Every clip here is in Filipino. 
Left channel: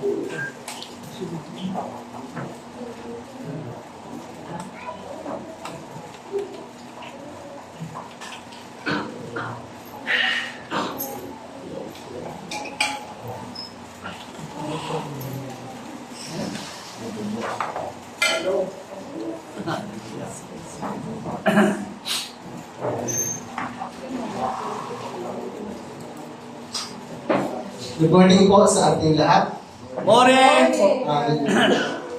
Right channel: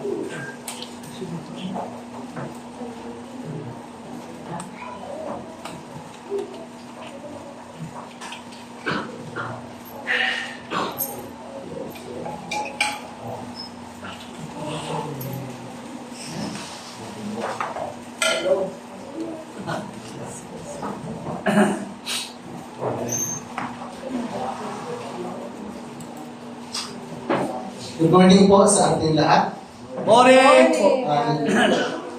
Good morning po sa ating lahat. Morning!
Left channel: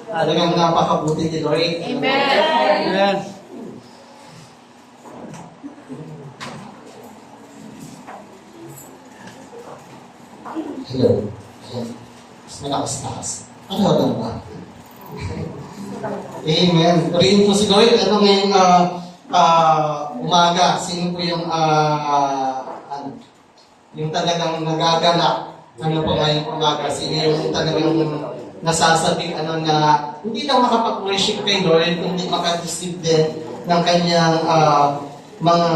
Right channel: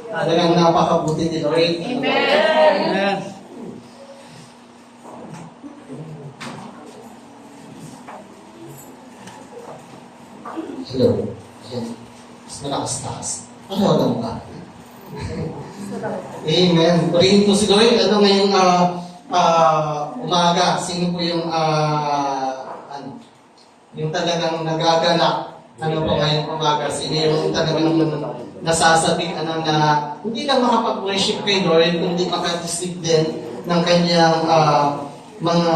Talagang napakabuti ni Lord. Amen! Hello. Mas malakas-takas. Ano lang ba? Amen. Purihin po si Lord. Ano ngayong umaga? Sino po yung yung talagang nagagalak? Ano po ngayong umaga? Sino yung talagang nasasabi na hindi lang makapag-worship kay Lord, kundi makadisip din ng kanyang mga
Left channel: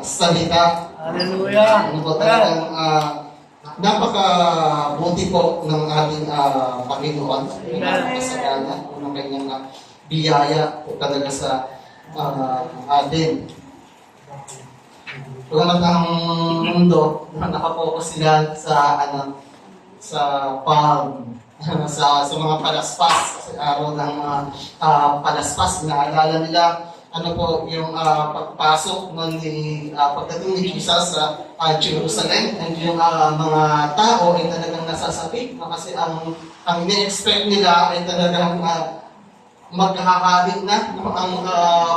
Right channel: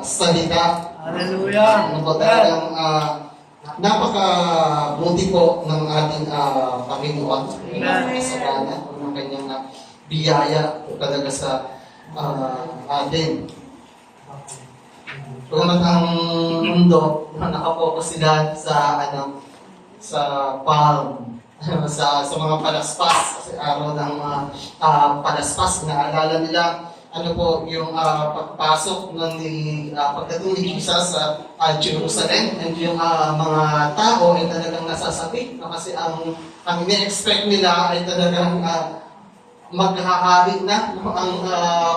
salita. Hallelujah! Ano po talagang napakabuti po ng ating Panginoon. Kasalanan ng kanyang biyaya po talaga sa atin. Kung ang mundo, nakapokus sila sa palm, sa mga palaspas, kasi araw ng mga palaspas, naalala nila yung pagpasok pagdating ni Jesus sa Jerusalem, and yung mga tao ay talagang nasasabik kasi ang ini-expect nila ay talagang maghahari na ang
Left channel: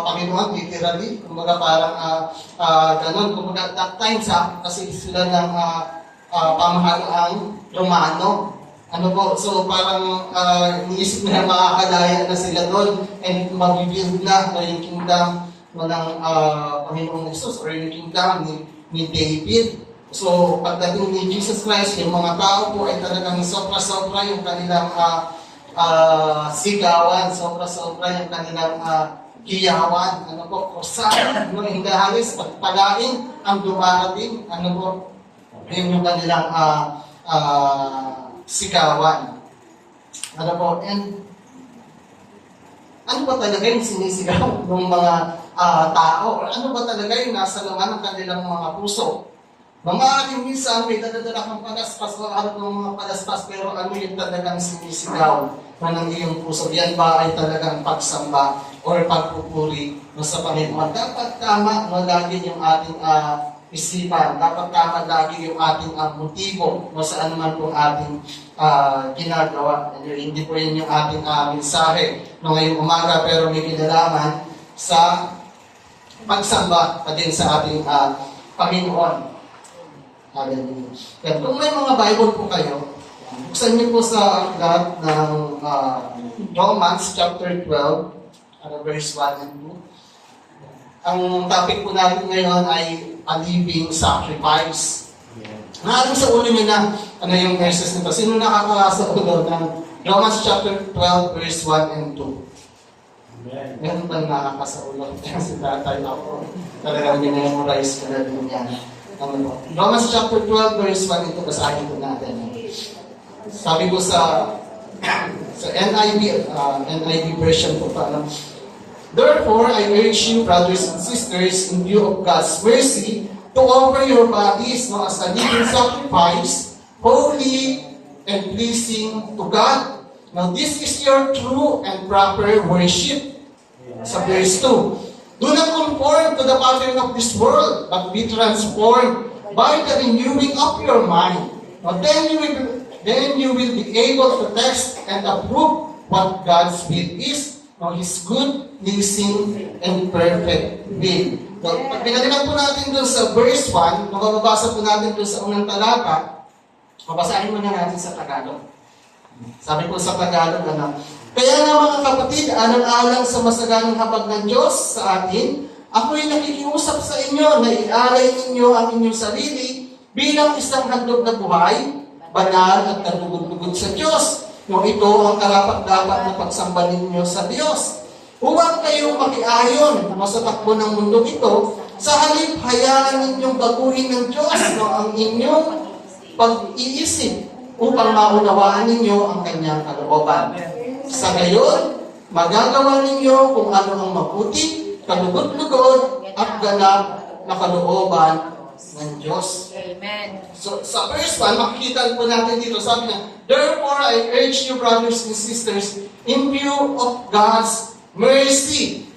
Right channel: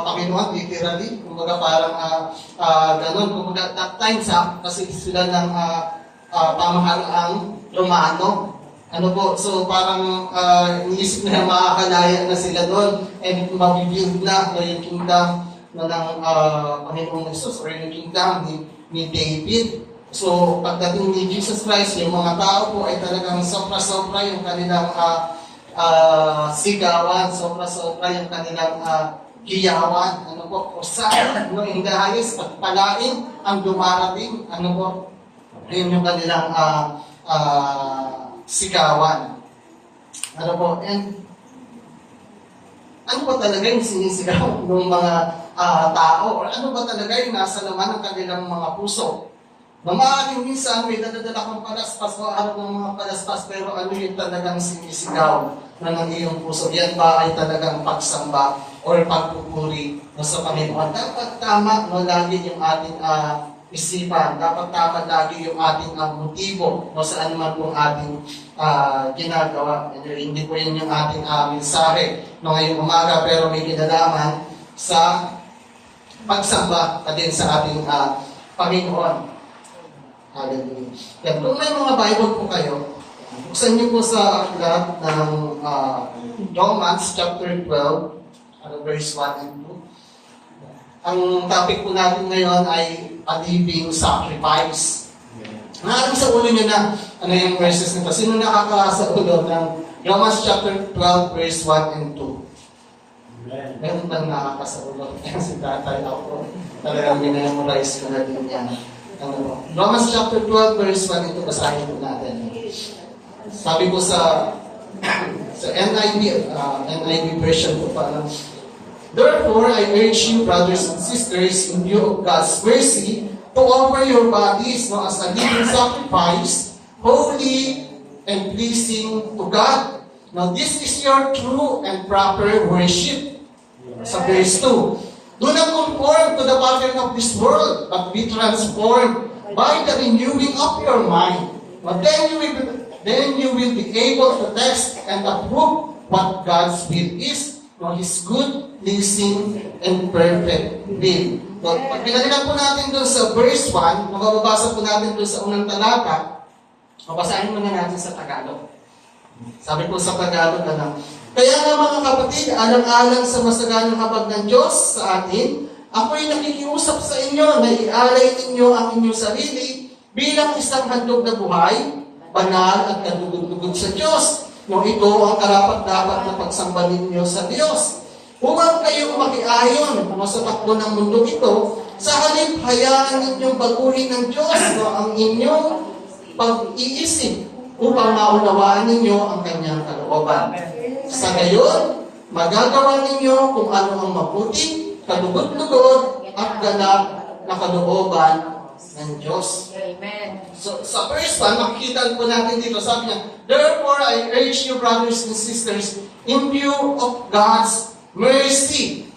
Panginoon, literally. Kumbaga parang ganun. Kumbaga that time kasi sila ng pamahalaang Romano. So parang iniisip nila makakalaya na sila doon and mabibuild na yung kingdom ng Panginoong Jesus or yung kingdom ni David. So pagdating ni Jesus Christ, yung mga tao po ay talagang sobra-sobra yung kanilang sigawan, sobra-sobra yung kanilang hiyawan, kusaya, in the highest, pagpalain ang dumarating, yun yung kanilang sigawan. And ano ba talaga yung sinisigaw ng mga tao? Or ano ba talaga yung nasa laman ng kanilang mga puso? Mamaaring minsan may dadadala kang palaspas o alam ng mga palaspas, pero ano yung talagang sinisigaw na ng iyong puso? Yan ba ay talagang pagsamba or pagpupuri sa Panginoon? Dapat tama lagi yung ating isipan. Dapat tama lagi yung ating motibo saan man kung ating ginagawa. Hindi po yun yung ating mensahe ngayong umaga, pero may kinalaman sa pagsamba pa din sa ating Panginoon. Hallelujah. Kung may mga Bible po kayo, buksan niyo po sa aklat ng Romans chapter 12, verse 1 and 2. Ang topic po natin ngayon ay a living sacrifice. Maaaring sa ulo niyo na yung verses nito. Sino nakakasa ulo ng Romans chapter 12, verse 1 and 2? Meron bang nakakasa ulo? Si tatay ako. Talagang minamorize ko na din yan. Romans chapter 12, verse 1, ito basahin po natin. Sabi ko sa NIV version po pa. Therefore, I urge you, brothers and sisters, in view of God's mercy, to offer your bodies as a living sacrifice, holy and pleasing to God. Now, this is your true and proper worship. Sa verse 2. Do not conform to the pattern of this world, but be transformed by the renewing of your mind. But then you will be able to test and approve what God's will is, His good, pleasing, and perfect will. So, pag pinalinan po natin doon sa verse 1, mababasa po natin doon sa unang talata, mabasahin mo niya natin sa Tagalog. Sabi po sa Tagalog, kaya nga mga kapatid, alang-alang sa masaganang habag ng Diyos sa atin, ako'y nakikiusap sa inyo na i-alay ninyo ang inyong sarili bilang isang handog na buhay, banal at kalugod-lugod sa Diyos. Nung ito ang karapat-dapat na pagsamba ninyo sa Diyos. Huwag kayong makiayon sa takbo ng mundo ito, sa halip hayaan ninyong baguhin ng Diyos ang inyong pag-iisip upang maunawaan ninyo ang kanyang kalooban. Sa gayon, magagawa ninyo kung ano ang mabuti, kalugod-lugod, at ganap na kalooban ng Diyos. Amen. So, sa verse 1, makikita po natin dito, sabi niya, therefore, I urge you, brothers and sisters, in view of God's mercy,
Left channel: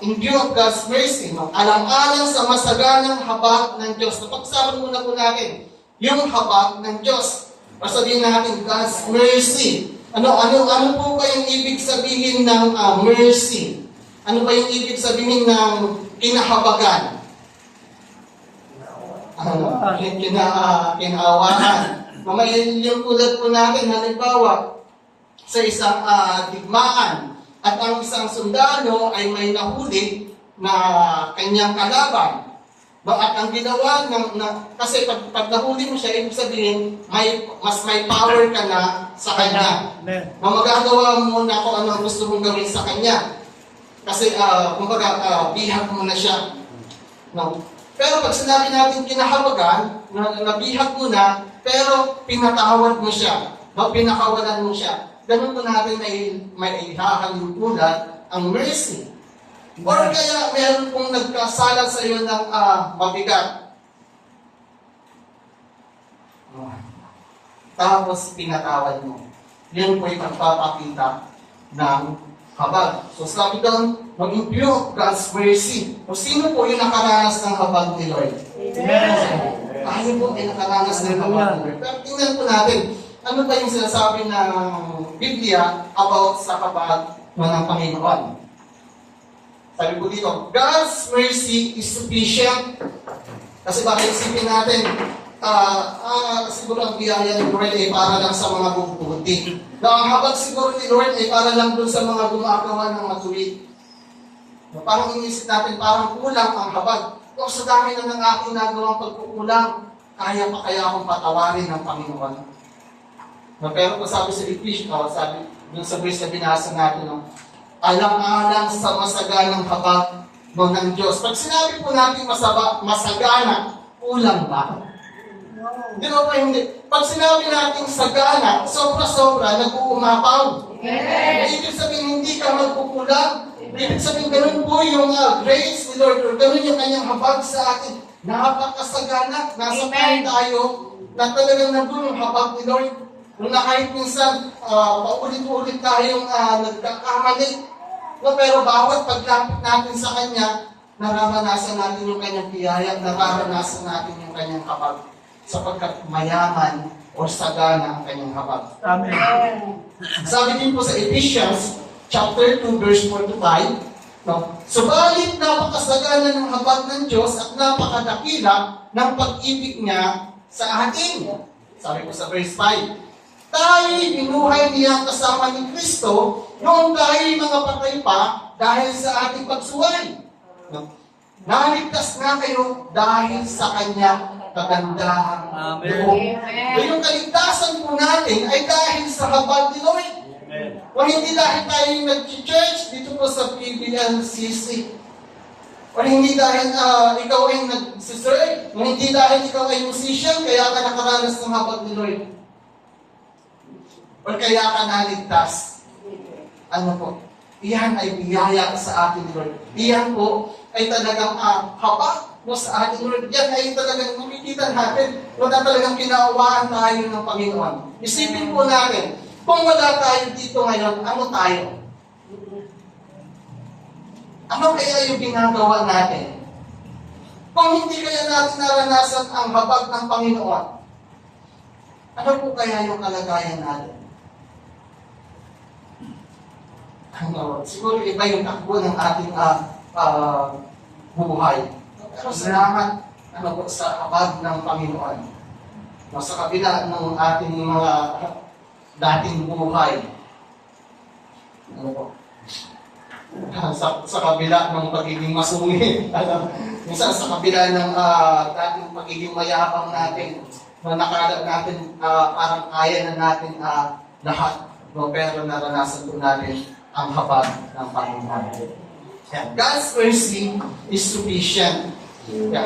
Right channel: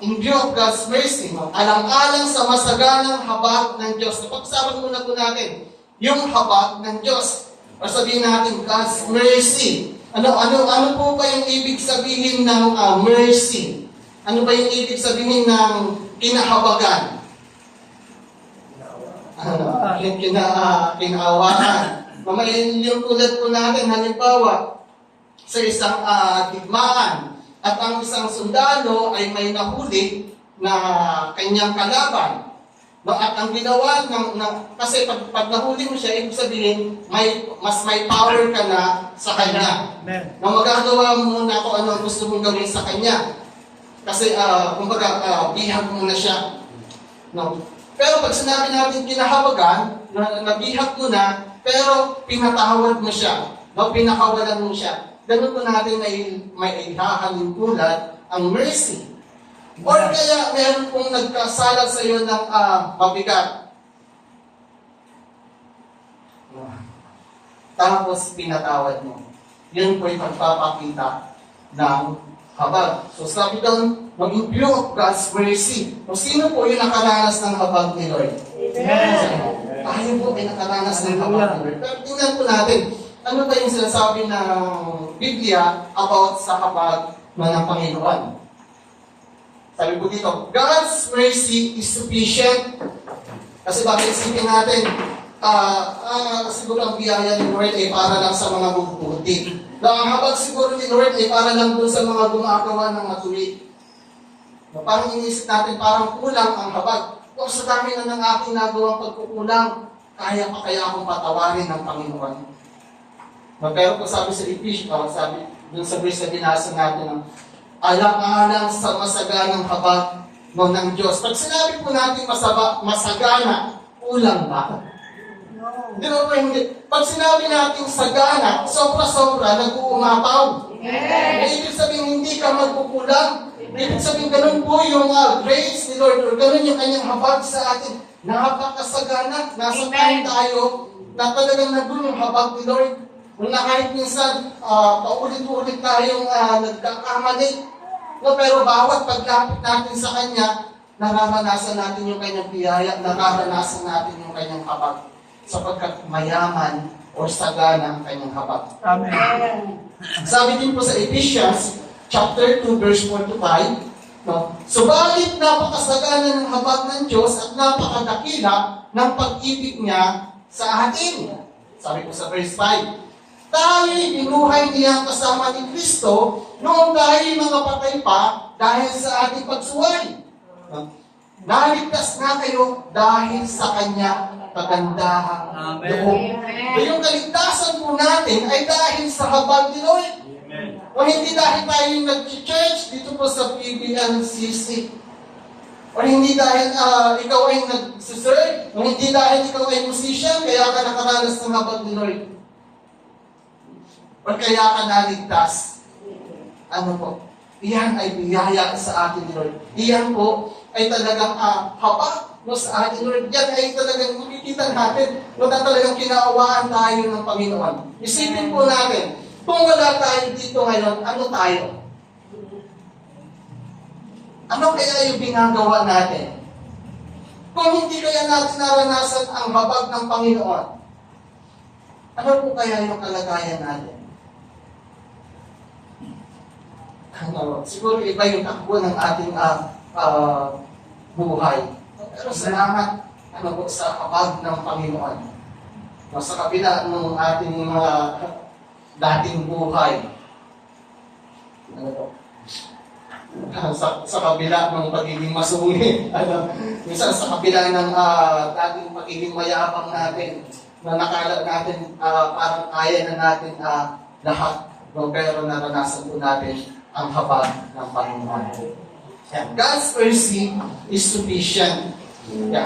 in view of God's mercy, alang-alang sa masaganang habag ng Diyos. Napag-usapan muna po natin, yung habag ng Diyos. O sabihin natin, God's mercy. Ano po ba yung ibig sabihin ng mercy? Ano ba yung ibig sabihin ng kinahabagan? Kinaawaan. Mamayin yung tulad po natin, halimbawa, sa isang digmaan, at ang isang sundalo ay may nahuli na kanyang kalaban. No, at ang ginawa kasi pag nahuli mo siya, ibig sabihin, mas may power ka na sa kanya. No, magagawa mo na kung ano ang gusto mong gawin sa kanya. Kasi, bihag mo na siya. No? Pero pag sinabi natin kinahawagan, nabihag mo na, pero pinatawad mo siya. No? Pinakawalan mo siya. Ganun po natin may ihahalin tulad ang mercy. Or kaya meron pong nagkasala sa iyo ng mabigat. Tapos pinatawad mo. Yun po yung pagpapakita ng habag. So sabi doon, maging pure of God's mercy. O sino po yung nakaranas ng habag ni Lord? Amen. Tayo po ay nakaranas ng habag ni Lord. Pero tingnan po natin, ano ba yung sinasabi ng Biblia about sa habag ng Panginoon? Sabi po dito, God's mercy is sufficient. Kasi bakit isipin natin, siguro ang biyaya ni Lord ay para lang sa mga bubuti. Ang habag siguro ni Lord ay para lang doon sa mga gumagawa ng matuwid. Parang inisip natin, parang kulang ang habag. O sa dami na ng aking nagawang pagkukulang, kaya pa kaya akong patawarin ng Panginoon. Pero kung sabi sa Ephesians, sabi doon sa verse na binasa natin, alang-alang sa masaganang habag ng Diyos. Pag sinabi po natin masagana, kulang ba? Di ba po hindi? Pag sinabi natin sagana, sobra-sobra, nag-uumapaw. Ibig sabihin, hindi ka magkukulang. Ibig sabihin, ganun po yung grace ni Lord, or ganun yung kanyang habag sa atin. Napakasagana. Nasa time tayo na talagang nandun yung habag ni Lord. Kung na kahit minsan, paulit-ulit tayong nagkakamali. No, pero bawat paglapit natin sa Kanya, nararanasan natin yung Kanyang biyaya, nararanasan natin yung Kanyang habag. Sapagkat mayaman o sagana ang Kanyang habag. Amen. Sabi din po sa Ephesians, chapter 2, verse 4 to 5, no? Subalit napakasagana ng habag ng Diyos at napakadakila ng pag-ibig niya sa atin. Sabi po sa verse 5, tayo'y binuhay niya kasama ni Kristo noong tayo'y mga patay pa dahil sa ating pagsuway. Naligtas na kayo dahil sa Kanya kagandahang loob. Yung kaligtasan po natin ay dahil sa habag ni Lord. O hindi dahil tayo nag-church dito po sa PBNCC. O hindi dahil ikaw ay nag-serve. O hindi dahil ikaw ay musician, kaya ka nakaranas ng habag ni Lord. O kaya ka naligtas. Ano po? Iyan ay biyaya sa atin ni Lord. Iyan po ay talagang habag sa atin Lord. Yan ay talagang makikita natin na talagang kinaawaan tayo ng Panginoon. Isipin po natin, kung wala tayo dito ngayon, ano tayo? Ano kaya yung ginagawa natin? Kung hindi kaya natin naranasan ang habag ng Panginoon, ano po kaya yung kalagayan natin? Siguro iba yung takbo ng ating buhay. Pero salamat sa habag ng Panginoon. Sa kabila ng ating mga dating buhay. Sa kabila ng pagiging masungit. Minsan sa kabila ng dating pagiging mayabang natin, na nakala natin parang kaya na natin lahat. Pero naranasan po natin ang habag ng Panginoon. God's mercy is sufficient.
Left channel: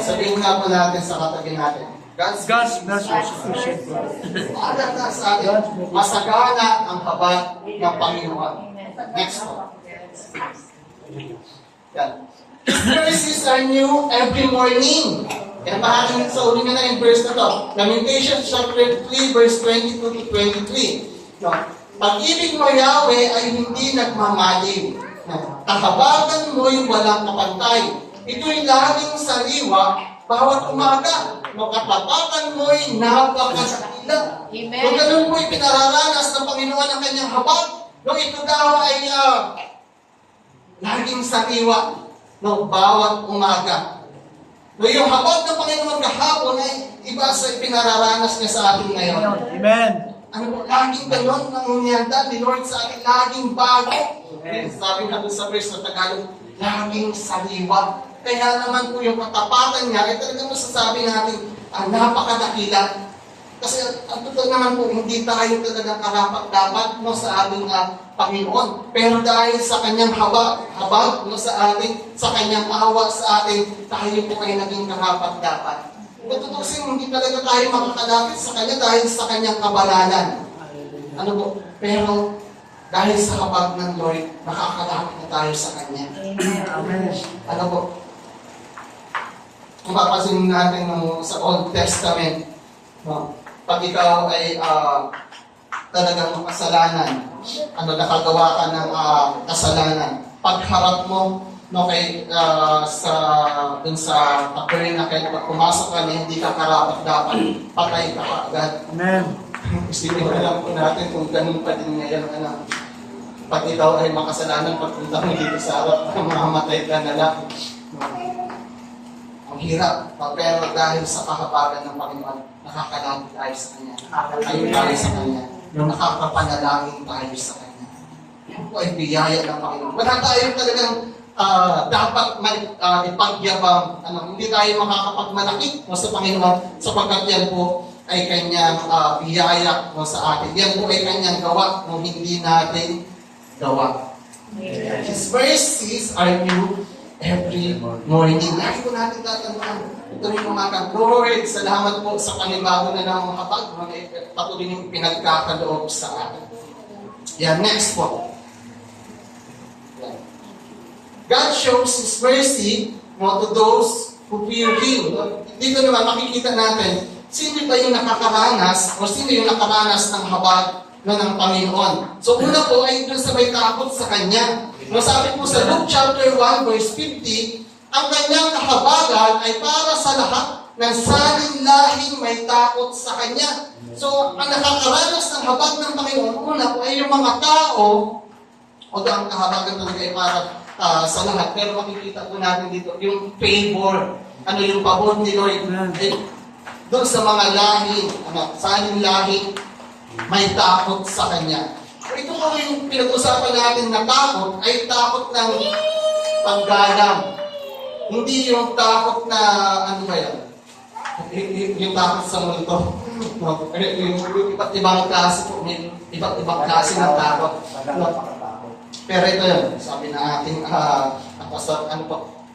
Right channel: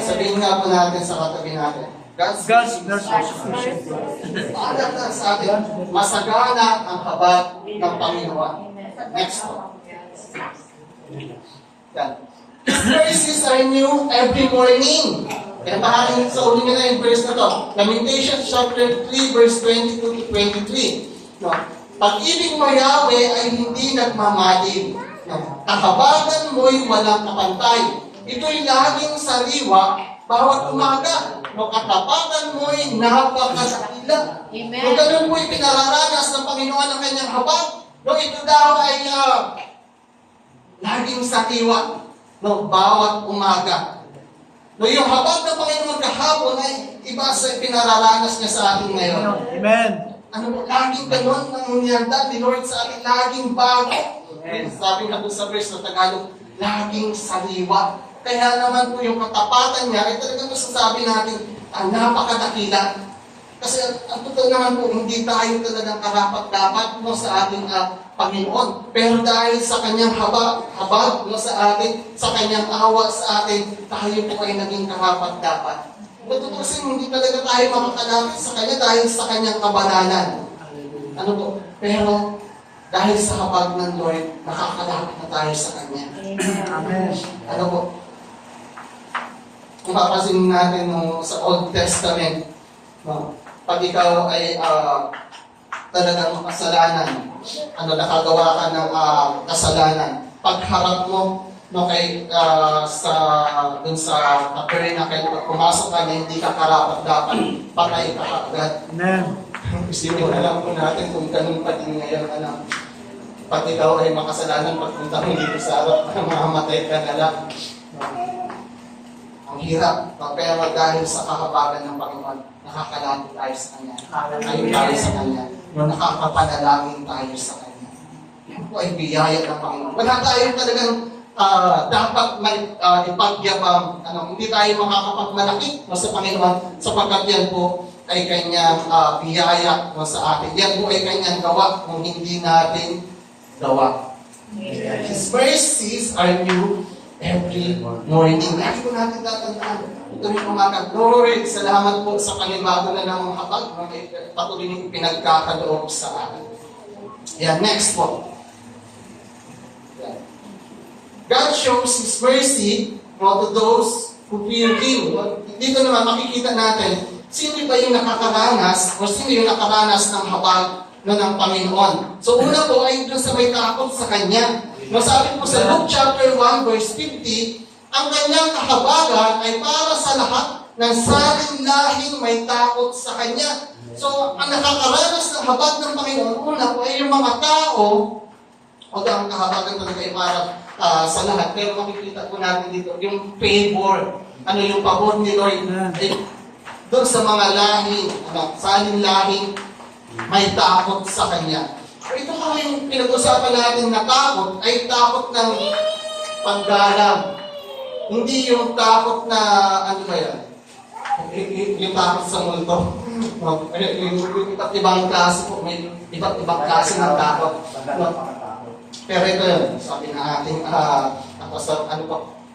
Sabihin nga po natin sa katabi natin, God's mercy is sufficient for us. Paalala sa atin, masagana ang habag ng Panginoon. Next one. Yan. His mercies are new every morning. Kaya mahalin sa uli nila yung verse na to. Lamentations chapter 3 verse 22 to 23. No? Pag-ibig mo, Yahweh, ay hindi nagmamalim. No? Kahabagan mo'y walang kapantay. Ito'y laging sariwa bawat umaga. No? Katapatan mo'y napakasakila. Amen. Kung ganun mo'y pinararanas ng Panginoon ang kanyang habag, no? Ito daw ay laging sariwa. No? Bawat umaga. No, yung habag ng Panginoon kahapon ay iba sa pinararanas niya sa atin ngayon. Amen. Ano po, laging ganun ang nangyanda ni Lord sa atin, laging bago. Sabi nga doon sa verse na Tagalog, laging sariwa. Kaya naman po yung katapatan niya, ay talagang masasabi natin, ang napakadakila. Kasi ang totoo naman po, hindi tayo talagang karapat-dapat no, sa ating Panginoon. Pero dahil sa kanyang habag no, sa atin, sa kanyang awa sa atin, tayo po ay naging karapat-dapat. Natutusin, hindi talaga tayo makakalapit sa kanya dahil sa kanyang kabanalan. Ano po? Pero dahil sa habag ng Lord, nakakalapit na tayo sa kanya. Amen. Ano po? Kung papasin natin no, sa Old Testament, no, pag ikaw ay talagang makasalanan, nakagawa ka ng kasalanan, pagharap mo no, kay, dun sa tabernacle, pag pumasok ka na hindi ka karapat-dapat, patay ka agad. Amen. Isipin na lang po natin kung ganun pa din ngayon, pag ikaw ay makasalanan, pagpunta mo dito sa harap, mamamatay ka na lang. Ang hirap, pero dahil sa kahabagan ng Panginoon, nakakalapit tayo sa Kanya. Nakakalayo tayo sa Kanya. Nakakapanalangin tayo sa Kanya. Yan po ay biyaya ng Panginoon. Wala tayo talagang dapat may ipagyabang. Hindi tayo makakapagmalaki sa Panginoon sapagkat yan po ay Kanyang biyaya sa atin. Yan po ay Kanyang gawa kung hindi natin gawa. His mercies are new every morning. Lagi po natin tatandaan. Ito rin umaga. Lord, salamat po sa panibago na ng mga habag. Patuloy niyong pinagkakaloob sa akin. Yan, next po. Yan. God shows His mercy to those who fear Him. Dito naman makikita natin, sino ba yung nakakaranas o sino yung nakaranas ng habag ng Panginoon. So una po ay doon sa may takot sa Kanya. Masabi po sa Luke chapter 1 verse 50, ang kanyang kahabagan ay para sa lahat ng saling lahing may takot sa Kanya. So ang nakakaranas ng habag ng Panginoon, una po ay yung mga tao, o ang kahabagan talaga ay para sa lahat. Pero makikita po natin dito yung favor. Ano yung pabor ni Lord? Doon sa mga lahing, saling lahing may takot sa Kanya. So ito po yung pinag-usapan natin na takot ay takot ng paggalang. Hindi yung takot na, ano ba yan? Yung takot sa multo. Yung iba't ibang klase po, may iba't ibang klase ng takot. Pero ito yun, sabi na ating,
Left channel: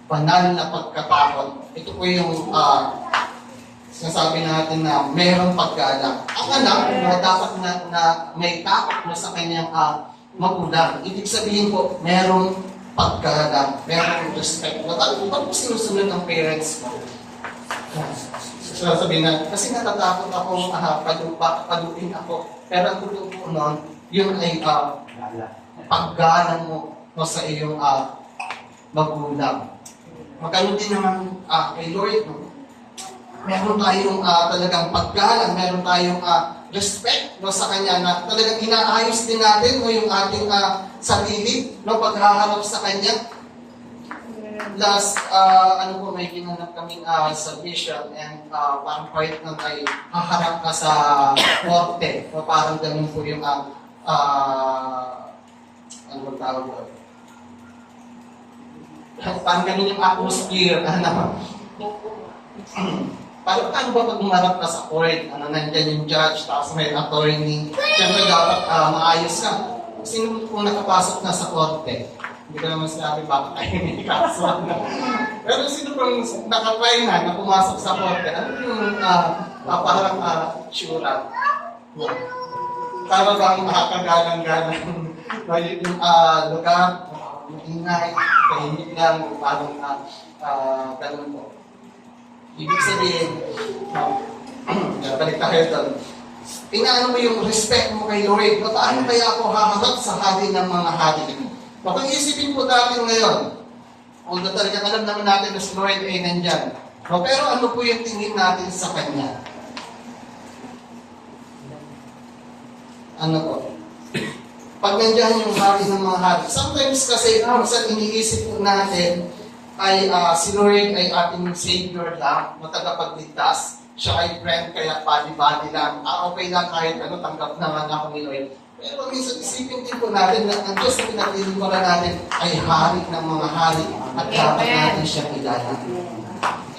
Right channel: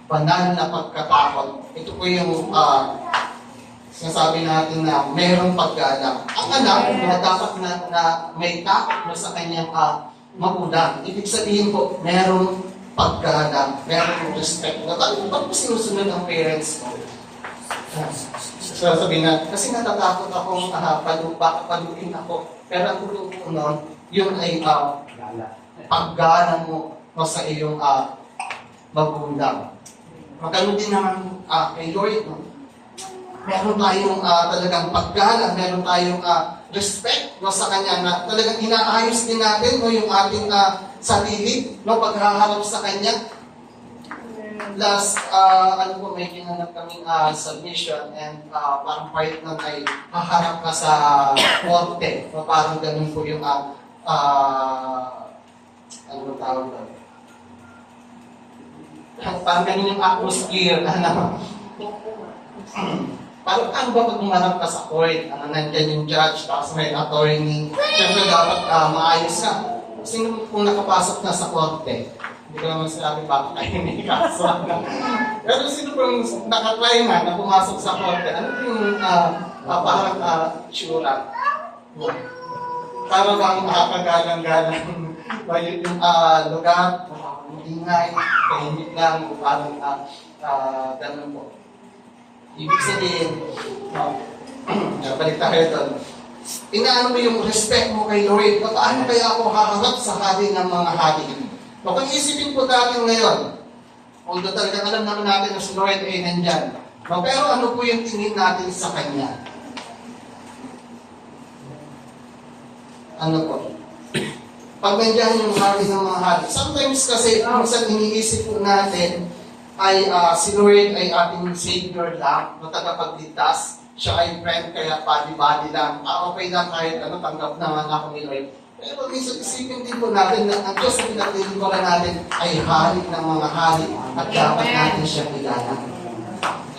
banal na pagkatakot. Ito po yung sinasabi natin na mayroong paggalang. Ang anak na dapat na may takot sa kanyang magulang. Ibig sabihin po, mayroong paggalang, mayroong respect. Ba't po sinusunod ang parents mo? Sabi na, kasi natatakot akong paluin ako. Pero ang totoo po nun, yun ay paggalang mo sa iyong magulang. Magkano din naman kay Lord, no? Meron tayong talagang paggalang, meron tayong respect sa Kanya na talagang inaayos din natin yung ating sarili, paghaharap sa Kanya. Last, may ginanap kaming submission and parang part nun ay haharap ka sa korte. Parang ganun po yung tawag ba? Parang ganun yung atmosphere. Paano ba pag umarap ka sa court? Nandiyan yung judge, tapos may attorney. Siyempre dapat maayos ka. Sino kung nakapasok na sa korte? Hindi ko naman sinabi bakit tayo may kaso. Pero sino kung nakatry na pumasok sa korte? Ano yung parang sura. Para bang makakagalang-galang yung lugar, ingay, tahimik lang, parang ganun po. Ibig sabihin, balik tayo doon. Inaano mo yung respect mo kay Lord, paano kaya ako haharap sa hari ng mga hari? Pag-iisipin po natin ngayon, although talagang alam naman natin na si Lord ay nandyan, pero ano po yung tingin natin sa Kanya? Ano po? Pag nandiyan yung hari ng mga hari, sometimes kasi, minsan iniisip po natin, ay si Lord ay ating Savior lang, na tagapagligtas. Siya ay friend, kaya body-body lang. Okay lang kahit tanggap naman ako ni Lord. Pero minsan isipin din po natin na ang Diyos na pinaglilingkuran natin ay hari ng mga hari at dapat natin siya kilala.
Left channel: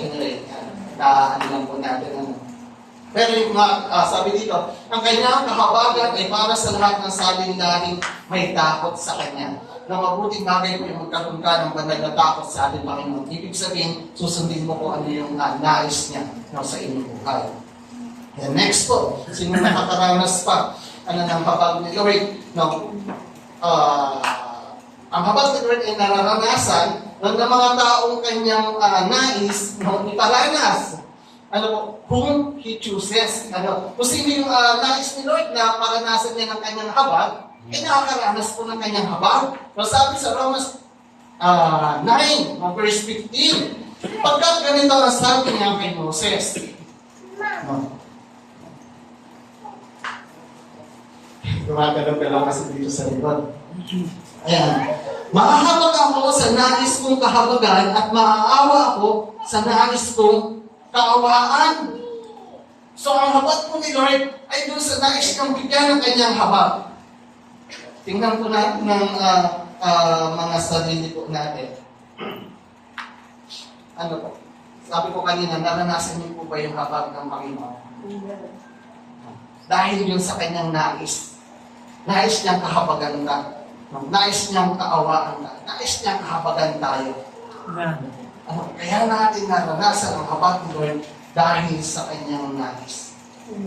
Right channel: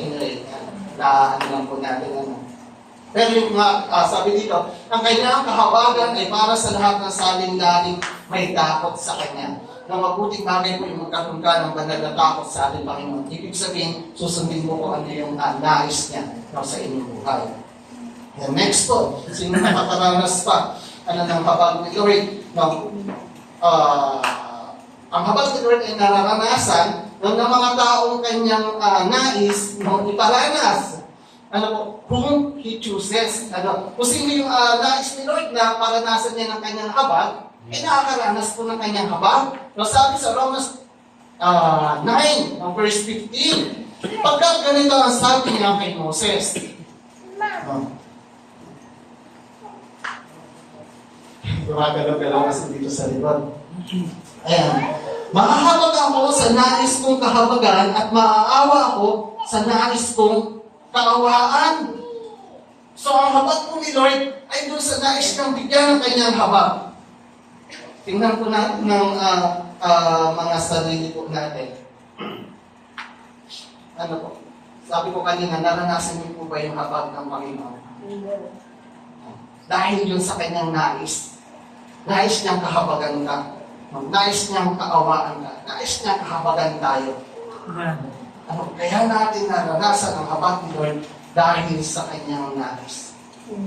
Anyway, ano lang po natin. Pero yung sabi dito, ang kanyang kahabagan ay para sa lahat ng saling-laring may takot sa Kanya. Na mabuting bagay po yung magkaroon ka ng banal na takot sa ating Panginoon. Ibig sabihin, susundin mo po ano yung nais niya sa inyong buhay. And next po, sino nakakaranas pa ng habag ni Lord? Ang habag ni Lord ay nararanasan ng mga taong kanyang nais iparanas. Whom He chooses. Kung sino yung nais ni Lord na paranasan niya ng kanyang habag, ay nakakaranas po ng kanyang habag. So sabi sa Romans 9, verse 15, pagkat ganito ang sabi niya kay Moses. Gumagalaw-galaw kasi dito sa likod. Ayan. Mahahabag ako sa nais kong kahabagan at maaawa ako sa nais kong kaawaan. So ang habag po ni Lord ay doon sa nais niyang bigyan ng kanyang habag. Tingnan po natin ng mga sarili po natin. Ano po? Sabi ko kanina, naranasan niyo po ba yung habag ng Panginoon? Dahil yun sa kanyang nais. Nais niyang kahabagan ka. Nais niyang kaawaan ka. Nais niyang kahabagan tayo. Kaya natin naranasan ang habag ni Lord dahil sa kanyang nais.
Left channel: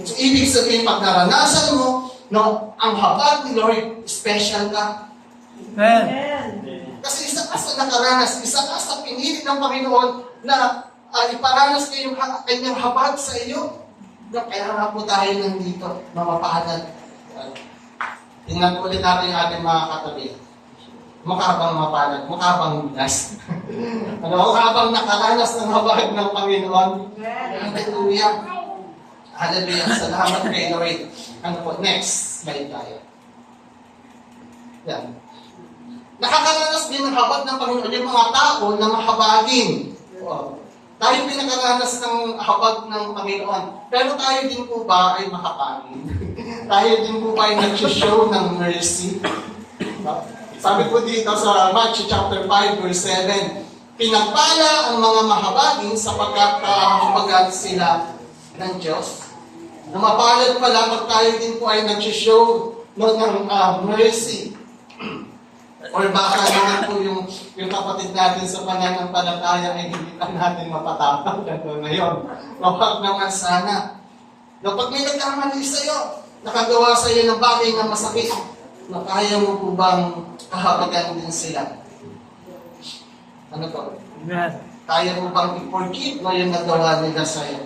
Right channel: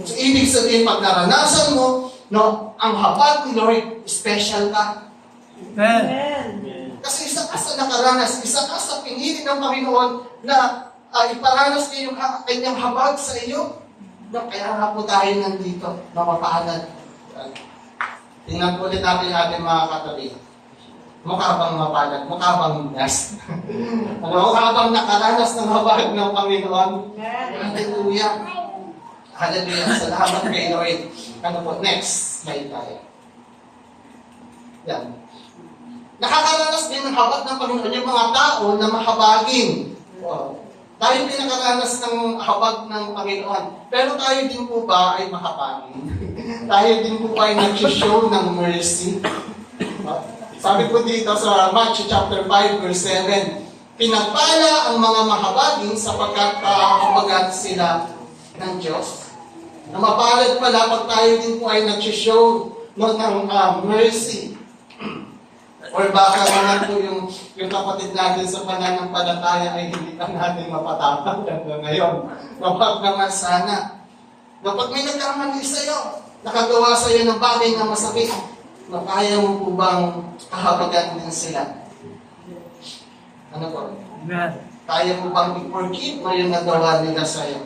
So, ibig sabihin, pag naranasan mo, ang habag ni Lord, special ka. Kasi isa ka sa nakaranas, isa ka sa pinili ng Panginoon na iparanas niya yung kanyang habag sa iyo. Kaya nga po tayo nandito, mapapahanad. Tingnan po ulit natin yung ating mga katabi. Mukha bang mapalad? Mukha bang nas? Mukha bang nakaranas ng habag ng Panginoon? Hallelujah. Hallelujah. Salamat kay Lord. Next slide tayo. Yan. Nakakaranas din ng habag ng Panginoon yung mga tao na mahabagin. Tayo din nakaranas ng habag ng Panginoon. Pero tayo din po ba ay mahabagin? Tayo din po ba ay nag-show ng mercy? Sabi po dito sa Matthew chapter 5 verse 7, pinagpala ang mga mahabagin sapagkat kahabagan sila ng Diyos. Na mapalad pala pag tayo din po ay nag-show ng mercy. Or baka naman po yung kapatid natin sa pananampalataya ay hindi pa natin mapatapag ngayon. Kapag naman sana. Kapag may nagkamali sa'yo, nakagawa sa'yo ng bagay na masakit, kaya mo po bang kahabagan din sila? Ano po? Kaya mo bang i-forgive mo yung nagawa nila sa'yo?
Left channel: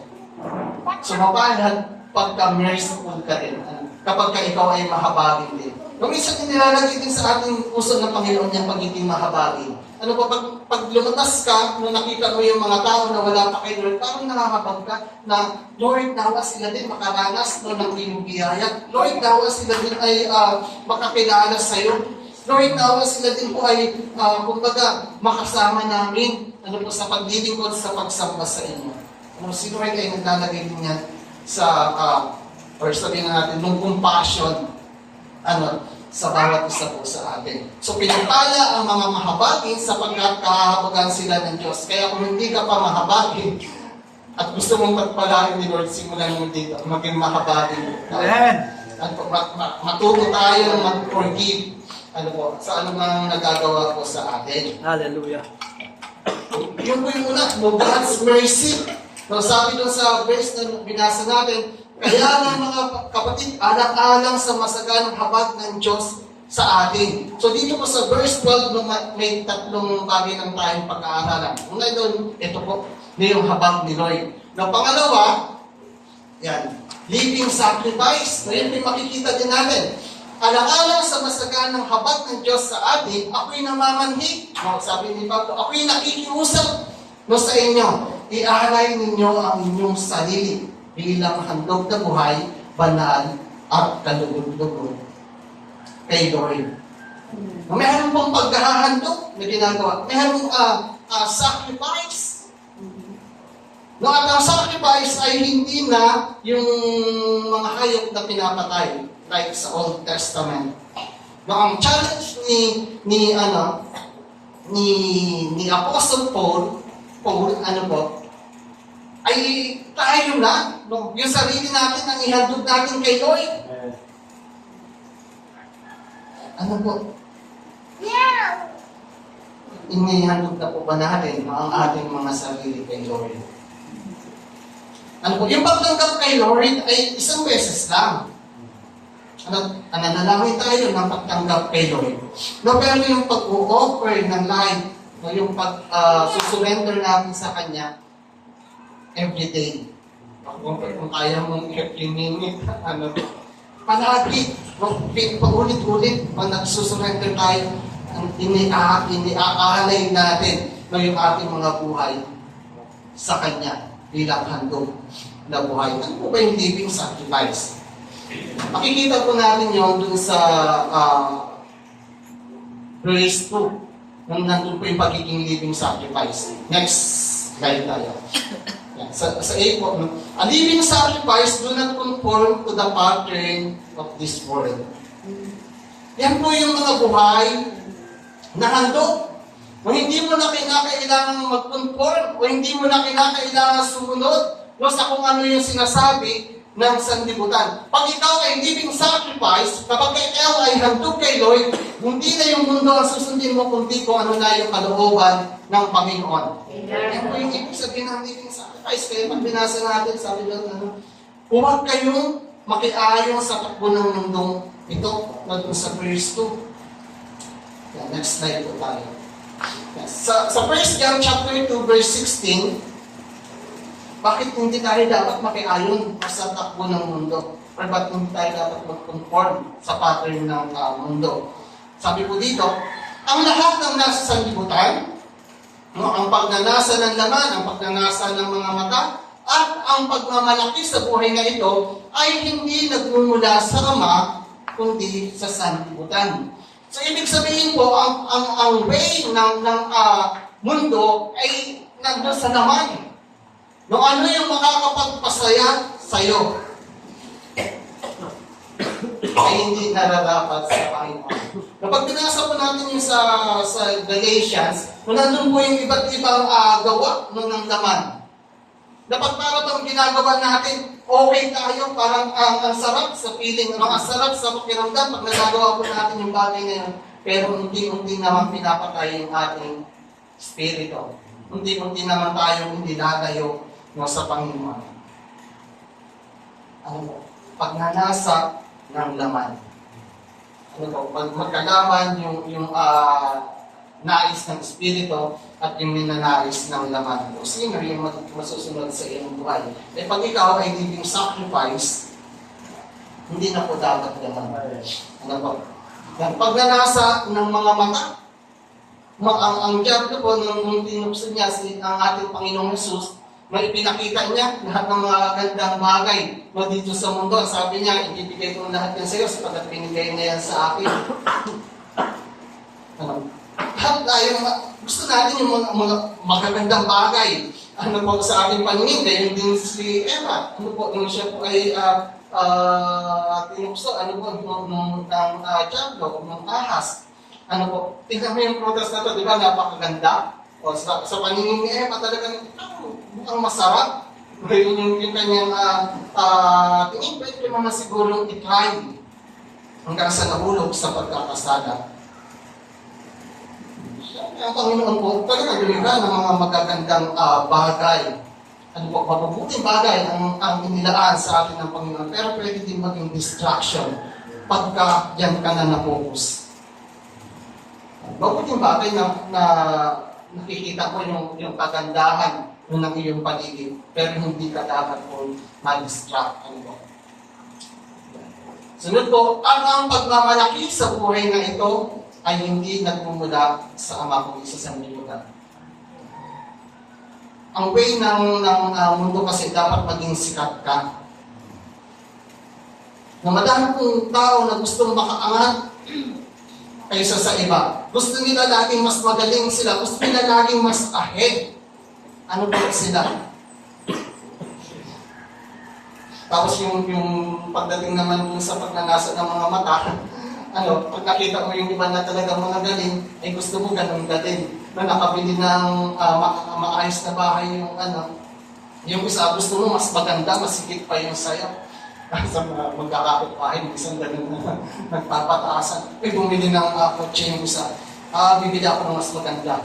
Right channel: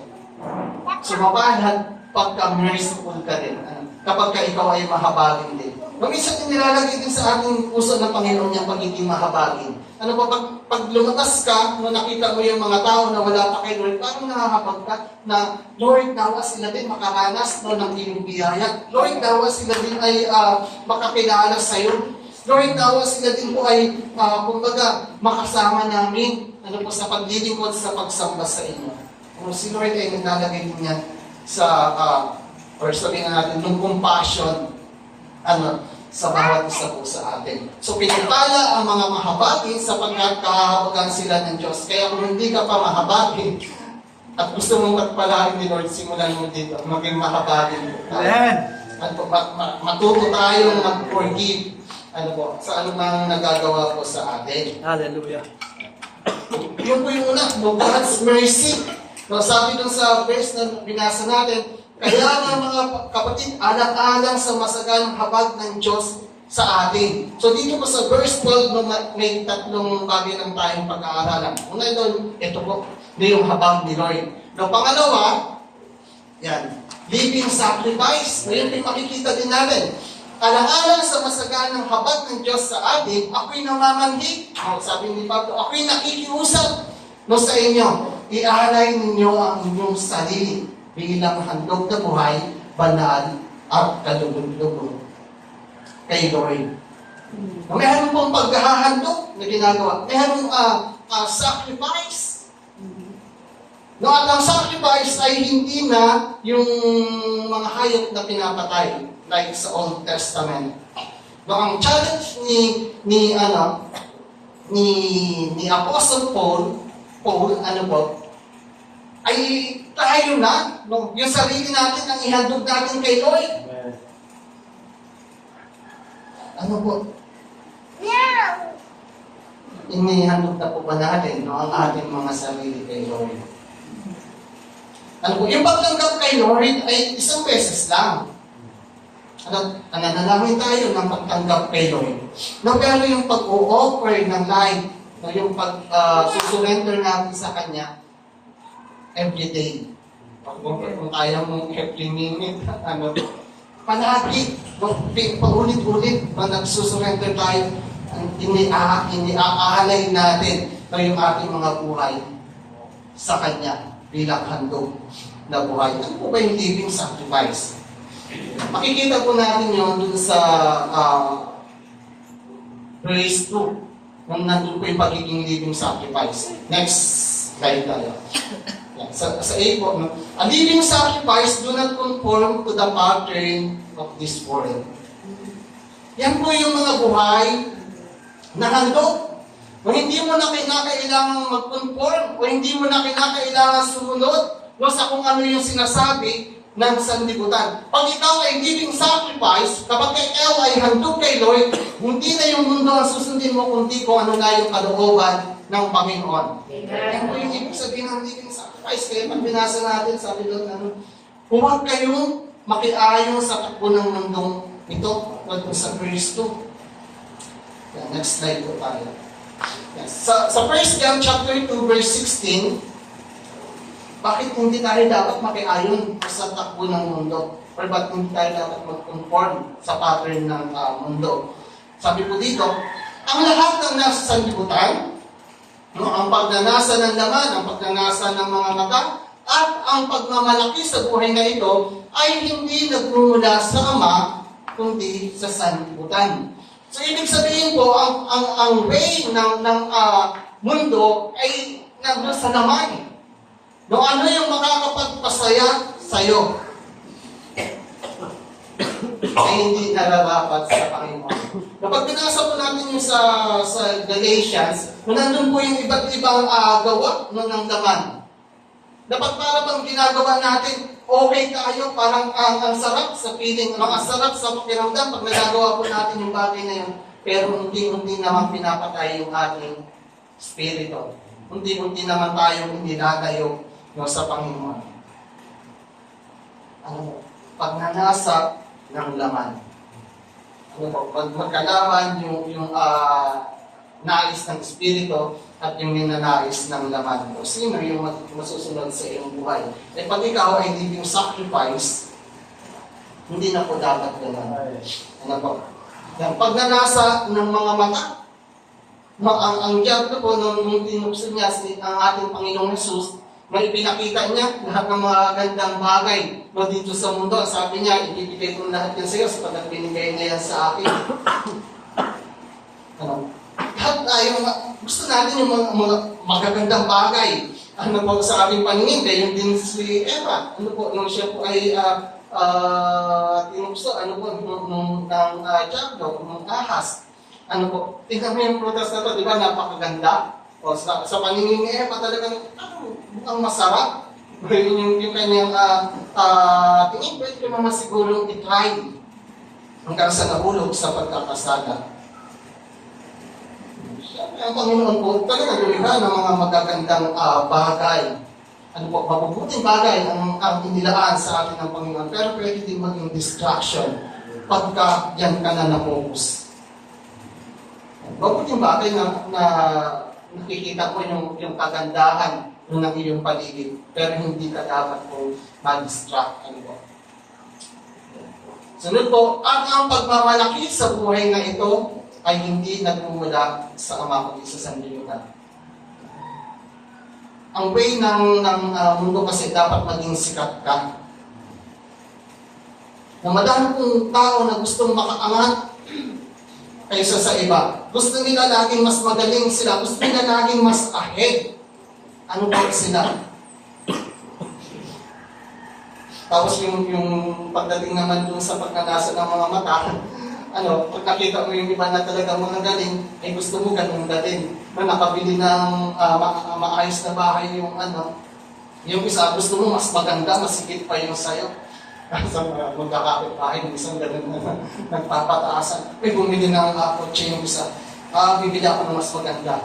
So mapalad pagka-merciful ka din. Kapag ka ikaw ay mahabagin din. Minsan nilalagay din sa ating puso ng Panginoon niyang pagiging mahabagin. Pag lumabas ka, nakita mo yung mga tao na wala pa kay Lord, parang nakakapag ka na, Lord, nawa sila din makaranas ng iyong biyaya. Lord, nawa sila din ay makakilala sa iyo. Lord, nawa sila din po ay, kumbaga, makasama namin sa paglilingkod sa pagsamba sa inyo. Si Lord ay naglalagay din yan sa, or sabihin natin, ng compassion, sa bawat isa po sa atin. So, pinapala ang mga mahabagin sapagkat kahabagan sila ng Diyos. Kaya kung hindi ka pa mahabagin at gusto mong magpalain ni Lord, simulan mo dito, maging mahabagin. Matuto tayong mag-forgive sa anumang nagagawa po sa atin. Hallelujah. Yun po yung una, God's mercy. So, sabi doon sa verse na binasa natin, kaya nga mga kapatid, alang-alang sa masaganang habag ng Diyos sa atin. So dito po sa verse 12, no, may tatlong bagay lang tayong pag-aaralan. Una doon, ito po, yung habag ni Lord. No, pangalawa, yan, living sacrifice. So yun yung makikita din natin. Alang-alang sa masaganang habag ng Diyos sa atin, ako'y namamanhik. No, sabi ni Pablo, ako'y nakikiusap no, sa inyo. Ialay ninyo ang inyong sarili bilang handog na buhay, banal at kalugod-lugod kay Lord. Mayroon pong paghahandog na ginagawa. Mayroon sacrifice. No, at ang sacrifice ay hindi na yung mga hayop na pinapatay like sa Old Testament. No, ang challenge ni Apostle Paul, ano po, ay tayo na, no, yung sarili natin ang ihandog natin kay Lord. Ano po? Inihandog na po ba natin, no, ang ating mga sarili kay Lord? Ano po? Yung pagtanggap kay Lord ay isang beses lang. Nanalangin tayo ng pagtanggap kay Lord. No, pero yung pag-o-offer ng life, no, yung pag-surrender natin sa Kanya, everyday. Kung kaya mong every minute, palagi, paulit-ulit, pag nagsusurrender tayo, iniaalay natin no, yung ating mga buhay sa Kanya bilang handog na buhay. Ano po ba yung living sacrifice? Makikita po natin yun dun sa verse 2, nung nandun po yung pagiging living sacrifice. Next slide tayo. Yan. Sa 8 po, no? A living sacrifice do not conform to the pattern of this world. Yan po yung mga buhay na handog. O hindi mo na kinakailangan mag-conform, o hindi mo na kinakailangan sumunod no, sa kung ano yung sinasabi ng sanlibutan. Pag ikaw ay living sacrifice, kapag ikaw ay handog kay Lord, hindi na yung mundo ang susundin mo, kundi kung ano na yung kalooban ng Panginoon. Yan po yung ibig sabihin ng living sacrifice. Kaya pag binasa natin, sabi doon, huwag kayong makiayon sa takbo ng mundong ito, doon sa verse 2. Yan, next slide po tayo. Yan. Sa 1 John chapter 2, verse 16, bakit hindi tayo dapat makiayon sa takbo ng mundo? Or bakit hindi tayo dapat mag-conform sa pattern ng mundo? Sabi po dito, ang lahat ng nasa sanlibutan, no, ang pagnanasa ng laman, ang pagnanasa ng mga mata, at ang pagmamalaki sa buhay na ito ay hindi nagmumula sa Ama, kundi sa sanlibutan. So, ibig sabihin po, ang way ng mundo ay nandun sa laman. No, ano yung makakapagpasaya sa'yo? Ay hindi nararapat sa Panginoon. Kapag binasa po natin yung sa Galatians, kung nandun po yung iba't ibang gawa ng laman. Dapat para bang ginagawa natin, okay tayo, parang ang sarap sa feeling, ang sarap sa pakiramdam pag nagagawa po natin yung bagay na yun. Pero unti-unti naman pinapatay yung ating spirito. Unti-unti naman tayong hindi natayo sa Panginoon. Ano mo? Pagnanasa ng laman. Ano po? Pag magkalaman yung nais ng Espiritu at yung minanais ng laman mo. Sino yung masusunod sa iyong buhay? Eh pag ikaw ay living sacrifice, hindi na po dapat ganun. Ano po? Yung pagnanasa ng mga mata, ang diablo po nung tinukso niya ang ating Panginoong Jesus, may pinakita niya lahat ng mga gandang bagay dito sa mundo. Sabi niya, ibibigay ko lahat yan sa iyo sapagkat binigay niya yan sa akin. Lahat tayo, gusto natin yung mga magagandang bagay. Ano po sa ating paningin, kaya yung din si Eva. Ano po, nung siya po ay tinukso, ano po, nung diablo, nung ahas. Ano po, tingnan mo yung prutas na ito, di ba, napakaganda. O sa paningin ni Eva talagang mukhang masarap. Yung kanyang tingin, pwede ko naman sigurong i-try hanggang sa nahulog sa pagkakasala. Ang Panginoon po talaga lumikha ng mga magagandang bagay. mabubuting bagay ang inilaan sa atin ng Panginoon, pero pwede din maging distraction pagka yan ka na na-focus. Mabuting bagay na nakikita mo yung kagandahan ng iyong paligid, pero hindi ka dapat po ma-distract. Sunod po, ang pagmamalaki sa buhay na ito ay hindi nagmumula sa Ama ko sa sanlibutan. Ang way ng mundo kasi dapat maging sikat ka. Na madami pong tao na gustong makaangat kaysa sa iba. Gusto nila laging mas magaling sila. Gusto nila laging mas ahead. Ano ba sila? Tapos yung pagdating naman dun sa pagnanasa ng mga mata, pag nakita mo yung iba na talagang mga galing, ay gusto mo ganun galing. Na nakabili ng maayos na bahay yung isa, gusto mo mas maganda, mas higit pa yung sayo. Sa mga magkakapit bahay, yung isang ganun na nagpapataasan. Ay, bumili ng kotse yung isa. Bibili ako ng mas maganda.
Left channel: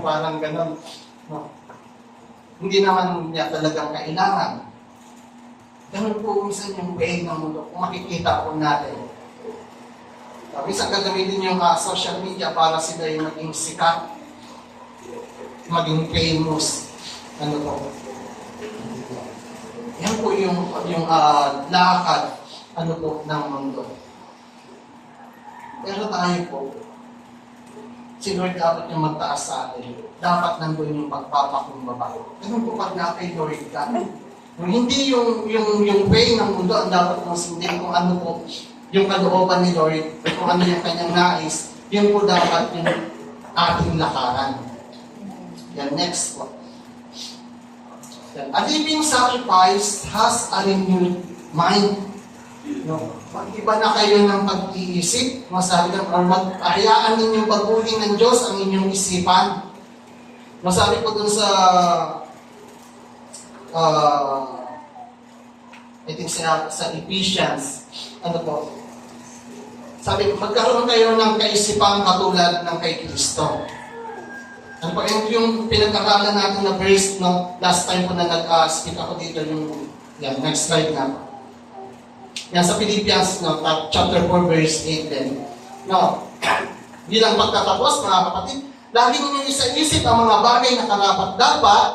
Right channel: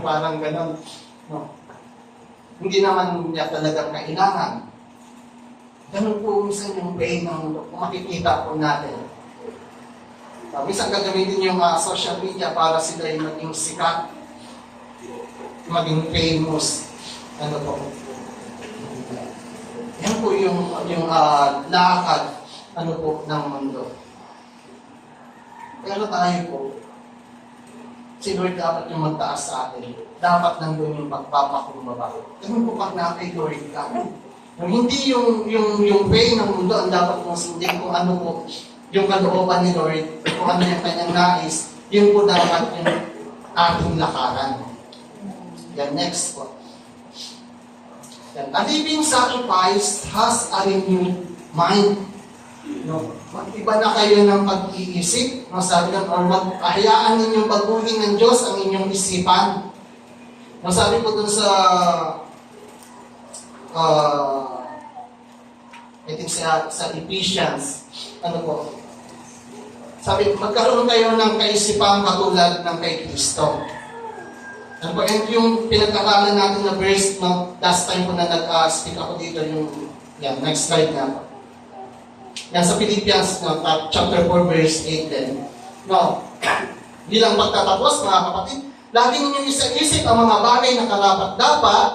Parang ganun. No. Hindi naman niya talagang kailangan. Ganun po minsan yung way ng mundo. Kung makikita po natin. Minsan gagamitin yung social media para sila yung maging sikat, maging famous. Yan po yung lakad ng mundo. Pero tayo po, si Lord dapat yung magtaas sa atin. Dapat nandun yung pagpapakumbaba. Ganun po pag nakay Lord ka. Hindi yung way ng mundo ang dapat mong sundin kung ano po yung kalooban ni Lord, kung ano yung kanyang nais, yun po dapat yung ating lakaran. Then next po. Then, a living sacrifice has a renewed mind. No? Mag-iba na kayo ng pag-iisip. Masabi lang, hayaan ninyong pagpuli ng Diyos ang inyong isipan. Masabi po dun sa I think sa Ephesians, sabi, magkaroon kayo ng kaisipang katulad ng kay Kristo. And yung pinagkakalan natin na verse, last time po na nag-speak ako dito, next slide na po. Yan sa Philippians, chapter 4, verse 8 din. Bilang pagtatapos, mga kapatid, lagi ninyong isa-isip ang mga bagay na karapat-dapat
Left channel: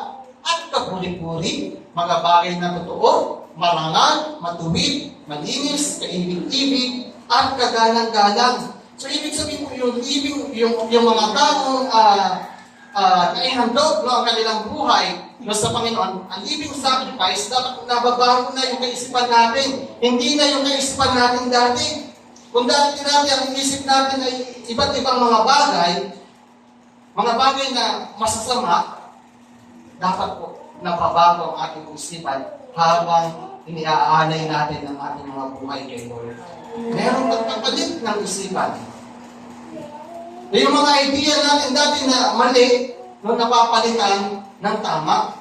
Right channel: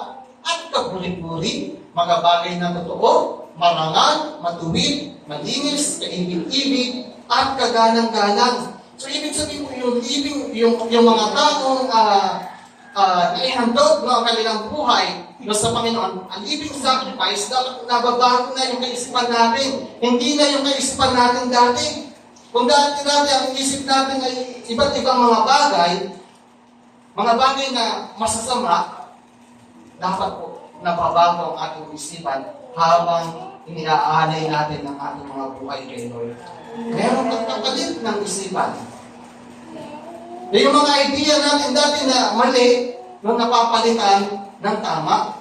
at kapuri-puri, mga bagay na totoo, marangal, matuwid, malinis, kaibig-ibig, at kaganang-ganang. So, ibig sabihin po yung mga taong naihandog ang kanilang buhay sa Panginoon, ang living sacrifice, dapat nababago na yung kaisipan natin. Hindi na yung kaisipan natin dati. Kung dati ang isip natin ay iba't ibang mga bagay na masasama, dapat po nababago ang ating isipan habang iniaalay natin ang ating mga buhay kay Lord. Meron pagpapalit ng isipan. Yung mga idea natin dati na mali, napapalitan ng tama.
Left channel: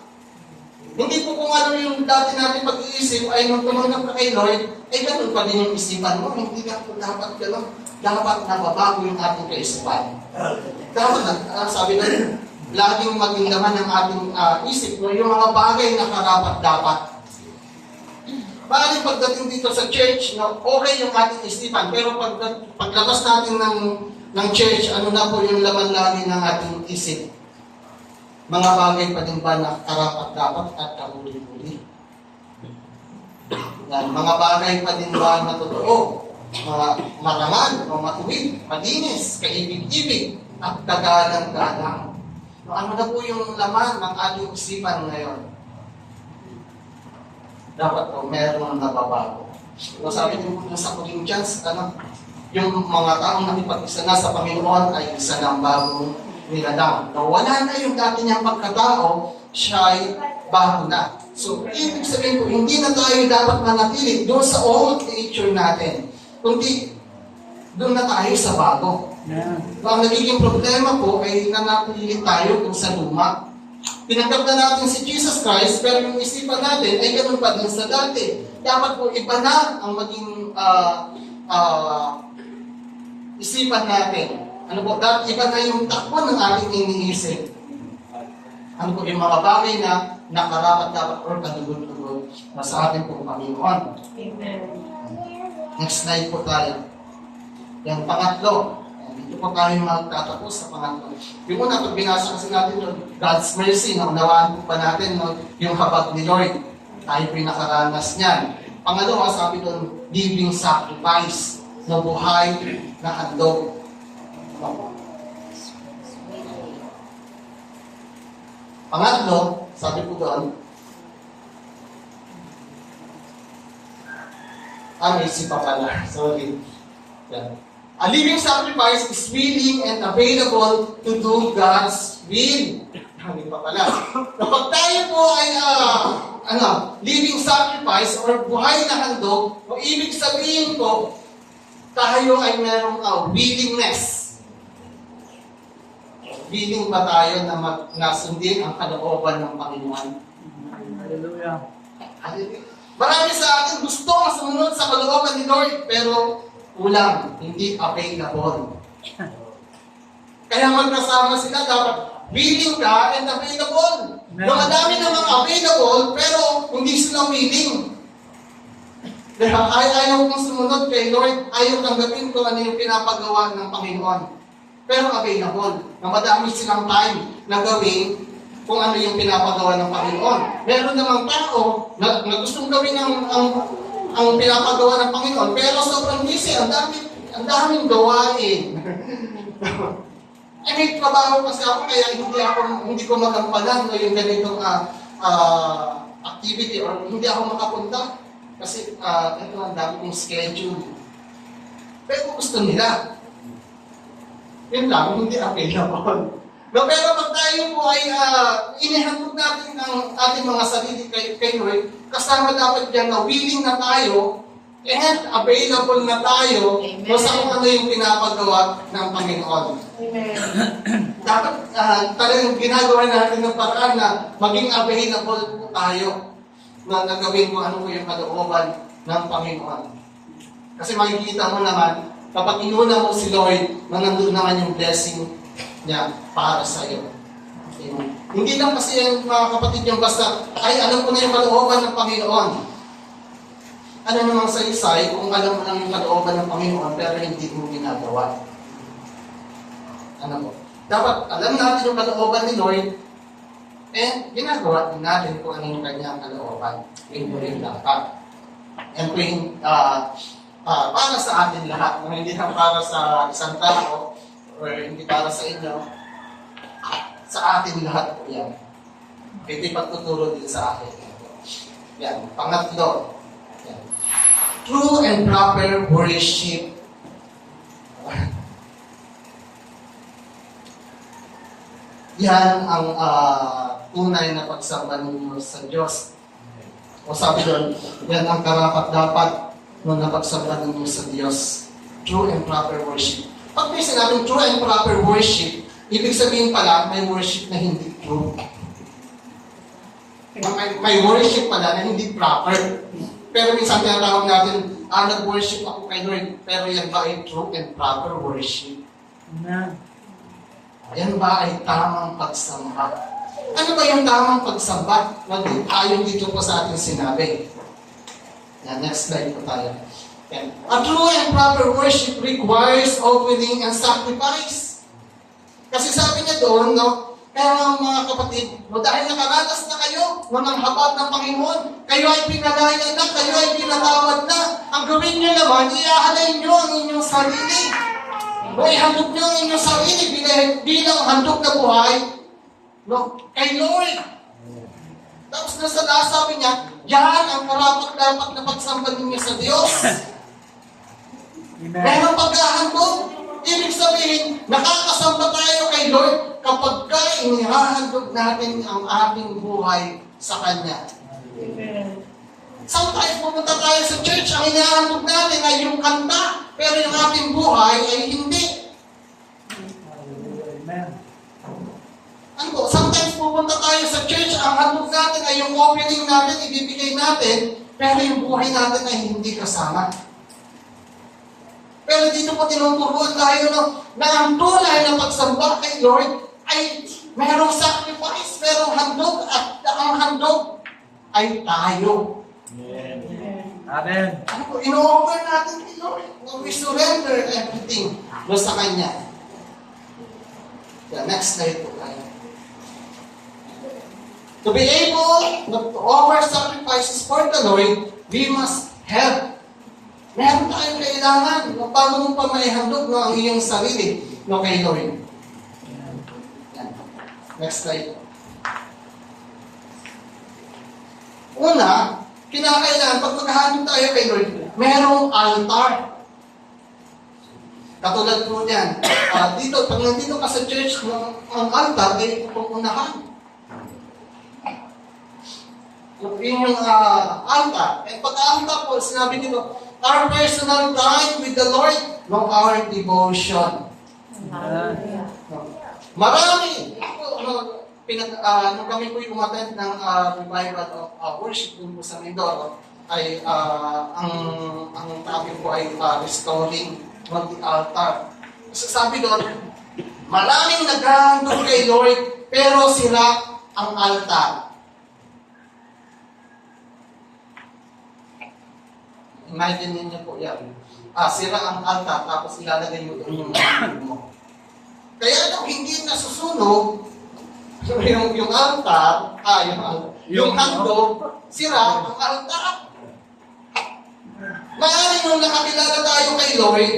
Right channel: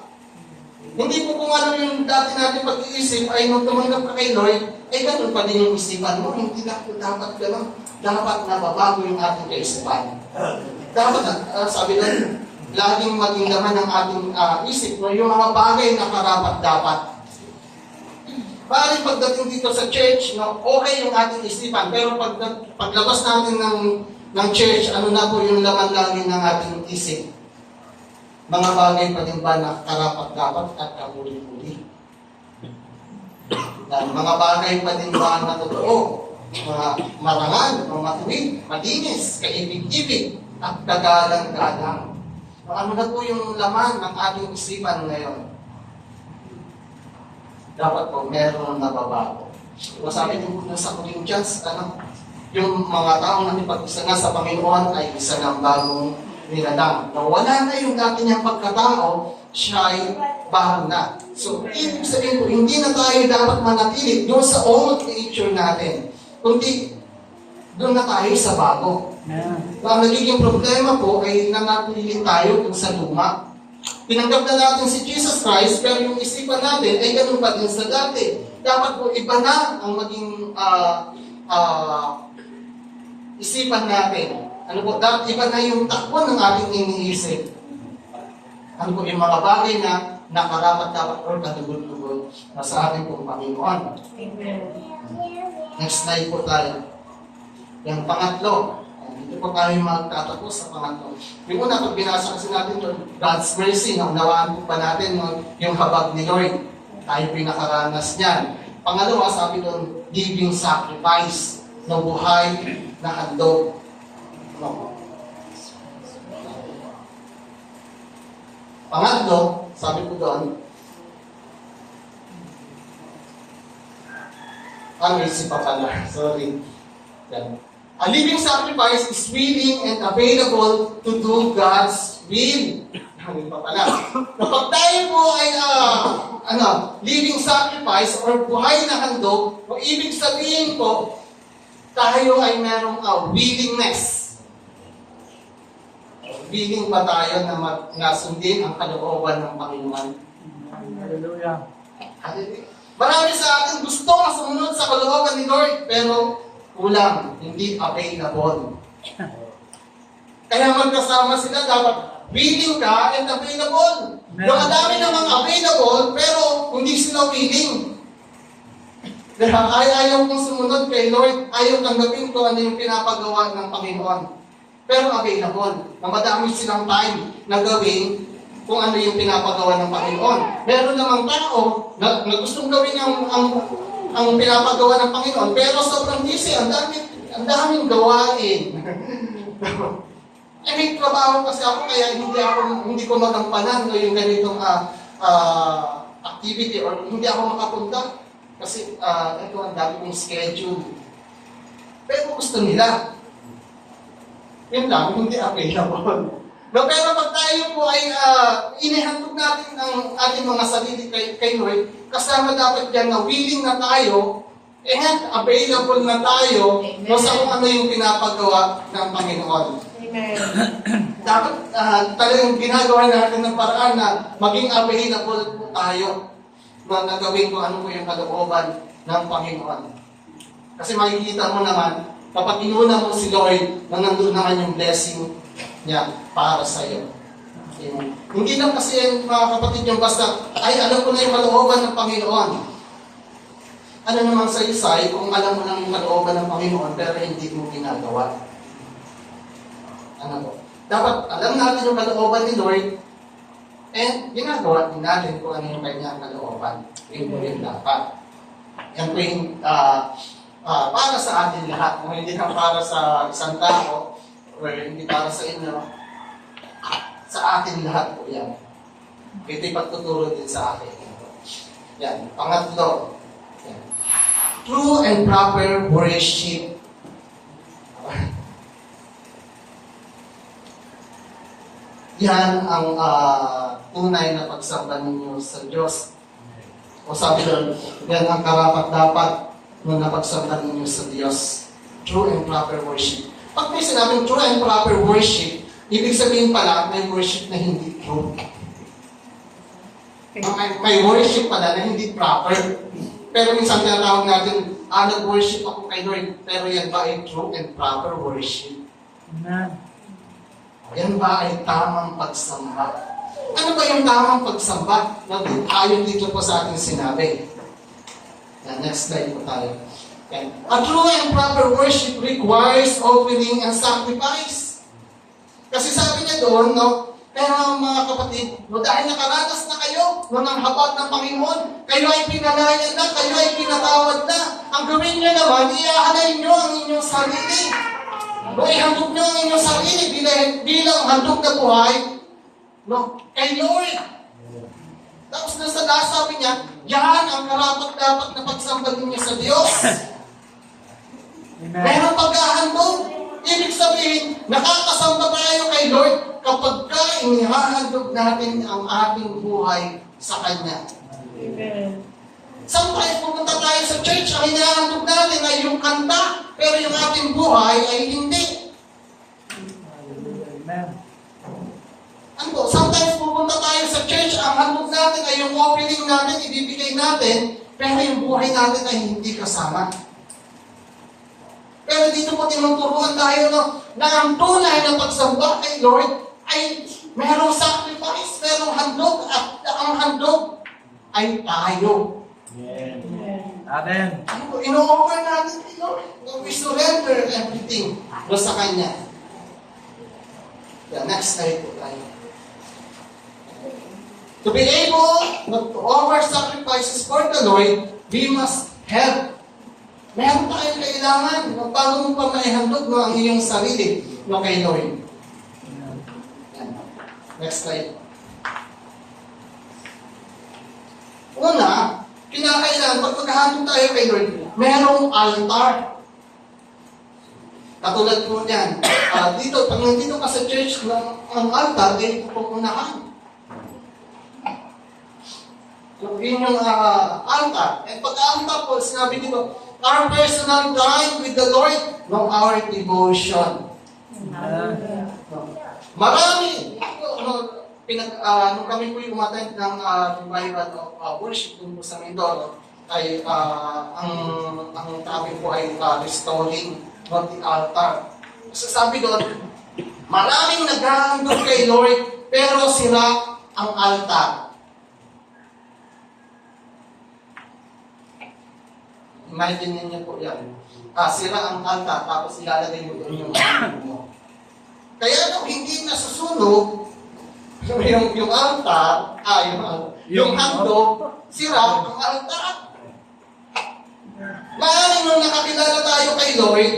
Hindi po kung ano yung dati natin pag-iisip ay nung tumanggap ka kay Lord, ay ganun pa din yung isipan mo. Hindi na po dapat ganun. Dapat nababago yung ating kaisipan. Dapat, sabi doon, laging maging laman ng ating isip, yung mga bagay na karapat-dapat. Parang pagdating dito sa church, okay yung ating isipan, pero paglabas natin ng church, ano na po yung laman lagi ng ating isip? Mga bagay pa din ba na karapat-dapat at kahuli-huli? Mga bagay pa din ba na totoo? Mga marangal, matuwid, malinis, kaibig-ibig, at kagalang-galang. Ano na po yung laman ng ating isipan ngayon? Dapat po meron nababago. Sabi din po sa Corinthians, yung mga taong nakipag-isa na sa Panginoon ay isa ng bagong nilalang. Wala na yung dati niyang pagkatao, siya ay bago na. So, ibig sabihin po, hindi na tayo dapat manatili doon sa old nature natin, kundi doon na tayo sa bago. Ang nagiging problema po ay nanatili tayo doon sa luma. Tinanggap na natin si Jesus Christ, pero yung isipan natin ay ganun pa din sa dati. Dapat po iba na ang maging isipan natin. Dapat iba na yung takbo ng ating iniisip. Yung mga bagay na na karapat-dapat or katugod-tugod na sa ating pong Panginoon. Amen. Next slide po tayo. Yan, pangatlo. Dito po tayo magtatapos sa pangatlo. Yung una, pag binasa kasi natin yun, God's mercy, naunawaan po pa natin yung habag ni Lord. Tayo pinakaranas niyan. Pangalawa, sabi doon, living sacrifice, na buhay na handog. No. Pangatlo, sabi ko doon, isip pa pala. Sorry. Yan. A living sacrifice is willing and available to do God's will. Hindi pa pala. Kapag tayo po ay living sacrifice or buhay na handog, o ibig sabihin po, tayo ay merong willingness. Willing ba tayo na sundin ang kalooban ng Panginoon? Hallelujah. Marami sa atin gusto na sumunod sa kalooban ni Lord, pero kulang, hindi available. Kaya magkasama sila, dapat willing ka and available. Madami namang available, pero hindi sila willing. Kaya ayaw kong sumunod kay Lord, ayaw tanggapin ko ano yung pinapagawa ng Panginoon. Pero available, na madami silang time na gawin kung ano yung pinapagawa ng Panginoon. Meron namang tao na gustong gawin ang pinapagawa ng Panginoon, pero sobrang busy, ang daming gawain. May trabaho kasi ako, kaya hindi ko magampanan yung ganitong activity or hindi ako makapunta kasi ito ang dami kong schedule. Pero gusto nila. Yun lang, hindi available. No, pero pag tayo po ay inihandog natin ang ating mga sarili kay Lord, kasama dapat dyan na willing na tayo and available na tayo sa kung ano yung pinapagawa ng Panginoon. Amen. Dapat talagang ginagawa natin ng paraan na maging available po tayo na nagawin kung ano po yung kalooban ng Panginoon. Kasi makikita mo naman, kapag inuna mo si Lord, nandun naman yung blessing niya para sa iyo. Hindi lang kasi yung mga kapatid yung basta, ay alam ko na yung kalooban ng Panginoon. Ano namang sa isay kung alam mo lang yung kalooban ng Panginoon pero hindi mo ginagawa. Ano po? Dapat alam natin yung kalooban ni Lord and ginagawa din natin kung ano yung kanyang kalooban. Yun po rin dapat. Yan po yung para sa atin lahat. Hindi lang para sa isang tao or hindi para sa inyo. Sa atin lahat po yan. Ito'y pagtuturo din sa akin. Yan. Pangatlo. Yan. True and proper worship. Yan ang tunay na pagsamba ninyo sa Diyos. O sabi doon, yan ang karapat-dapat na pagsamba ninyo sa Diyos. True and proper worship. Pag may sinabing true and proper worship, ibig sabihin pala, may worship na hindi true. May worship pala na hindi proper. Pero minsan tinatawag natin, nag-worship ako kay Lord, pero yan ba ay true and proper worship? Amen. Yan ba ay tamang pagsamba? Ano ba yung tamang pagsamba? Ayon dito po sa ating sinabi. Yan, next slide po tayo. Yan. A true and proper worship requires offering and sacrifice. Kasi sabi niya doon, pero mga kapatid, dahil nakaranas na kayo ng habag ng Panginoon, kayo ay pinalaya na, kayo ay pinatawad na. Ang gawin niyo naman, iahalay niyo ang inyong sarili. Ihandog niyo ang inyong sarili bilang handog na buhay kay Lord. Tapos nasa last sabi niya, yan ang karapat-dapat na pagsamba ninyo sa Diyos. Amen. Merong paghahandog. Ibig sabihin, nakakasamba tayo kay Lord kapag inihahandog natin ang ating buhay sa Kanya. Amen. Sometimes pupunta tayo sa church, ang hinahandog natin ay yung kanta, pero yung ating buhay ay hindi. Amen. Ano? Sometimes pupunta tayo sa church, ang handog natin ay yung opening natin, ibibigay natin, pero yung buhay natin ay hindi kasama. Pero dito po tinuturuan tayo na ang tunay na pagsamba kay Lord ay Merong sacrifice, merong handog, at ang handog ay tayo. Amen. Ano po, ino-offer natin kay Lord. We surrender everything sa Kanya. Yeah, next slide po tayo. To be able to offer sacrifices for the Lord, we must have. Meron tayong kailangan. Paano mo pa maihandog ang iyong sarili kay Lord? Yan. Next slide. Una, kinakailangan, pag maghahandog tayo kay Lord, merong altar. Katulad po niyan. Dito, pag nandito ka sa church, ang altar ay pupunahan. Yun yung altar. At pag-altar po, sinabi dito, our personal time with the Lord, no, our devotion. Marami. Nung kami po yung umattend ng revival of worship dun po sa Mindoro, ay ang topic po ay restoring of the altar. So sabi doon, maraming naghahandog kay Lord, pero sira ang altar. Imagine niyo po yan. Sira ang altar, tapos ilalagay mo doon yung handog mo. Kaya nung hindi nasusunog, yung altar, yung handog, sira ang altar. Maaaring nung nakakilala tayo kay Lord,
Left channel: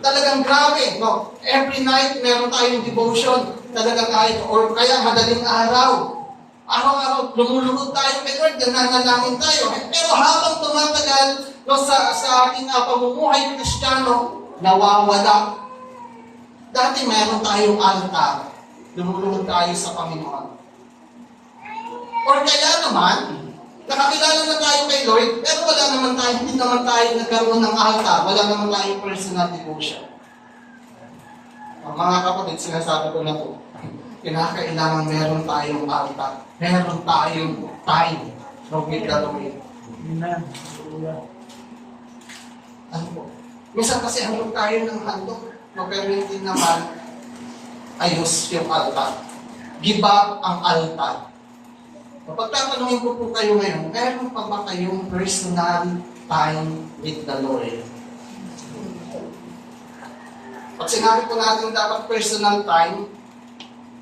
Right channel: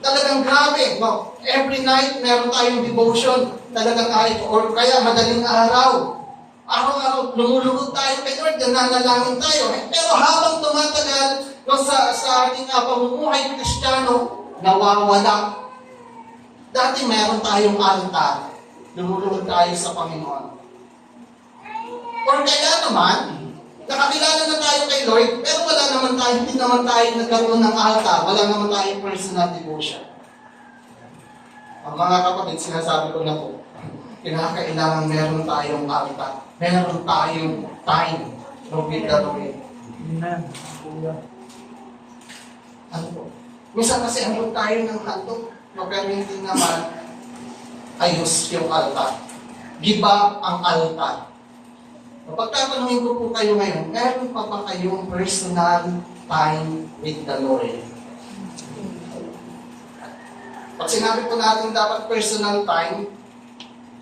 talagang grabe, no? Every night, meron tayong devotion, talagang kahit, or kaya madaling araw. Araw-araw, lumulugod tayo kay Lord, nananalangin tayo. Pero habang tumatagal, no, sa ating pamumuhay Kristiyano, nawawala. Dati meron tayong altar, lumulugod tayo sa Panginoon. Or kaya naman, nakakilala na tayo kay Lord, pero wala naman tayo, hindi naman tayo nagkaroon ng altar, wala naman tayong personal devotion. Mga kapatid, sinasabi ko na po, kinakailangan meron tayong altar, meron tayong time with the Lord. Amen. Ano po? Minsan kasi handog tayo ng handog, pero hindi naman ayos yung altar. Giba ang altar. Pagtatanungin ko po kayo ngayon, meron pa ba kayong personal time with the Lord? Pag sinabi po natin dapat personal time,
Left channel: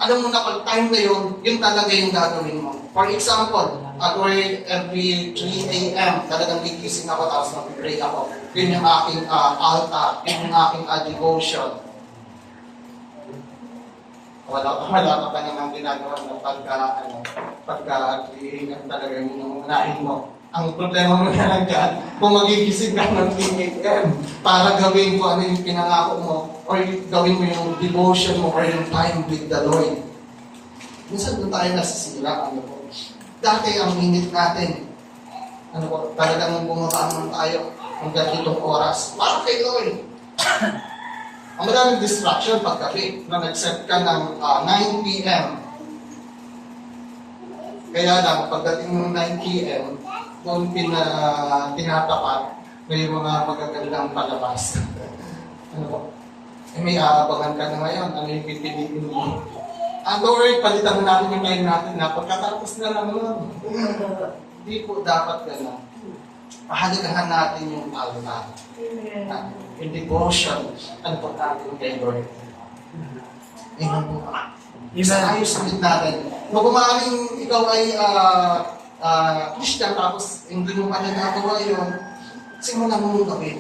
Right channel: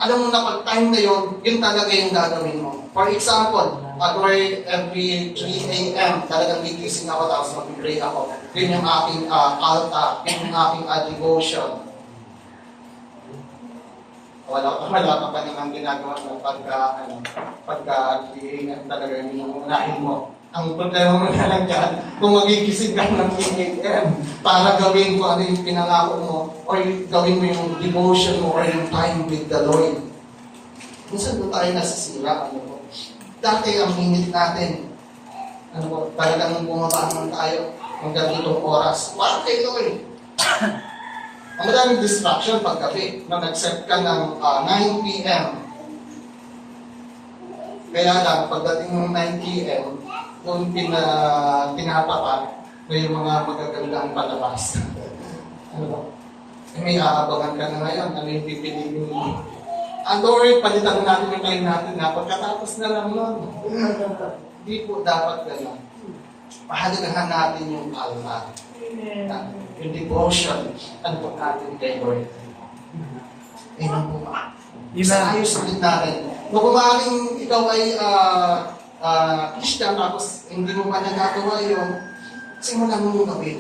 alam mo na pag time na yun, yun talaga yung gagawin mo. For example, every 3 a.m., talagang gigising ako tapos mag-pray ako. Yun yung aking altar, yun yung aking devotion. Wala ka pa naman ginagawa ng pagka 3 a.m. talaga yung unahin mo. Ang problema mo na lang dyan, kung magigising ka ng 3 a.m. para gawin ko ano yung pinangako mo, or gawin mo yung devotion mo, or yung time with the Lord. Minsan doon tayo nasisira, Dati ang minute natin, talagang bumabangon tayo hanggang itong oras. Para kay Lord. Ang maraming distraction paggabi na nag-set ka ng 9 p.m. Kaya lang, pagdating ng 9 p.m., doon tinatapat na yung mga magagandang palabas. May aabangan ka na ngayon, ano yung pipiliin mo? Lord, palitan natin yung time natin na pagkatapos na lang. Hindi po dapat gano'n. Pahalagahan natin yung altar. Yung devotion, po natin kay Lord. Amen po ba? Sa ayos ulit natin. Kung kumaaring ikaw ay Christian, tapos hindi mo pa nagagawa yun, simulan mo gawin.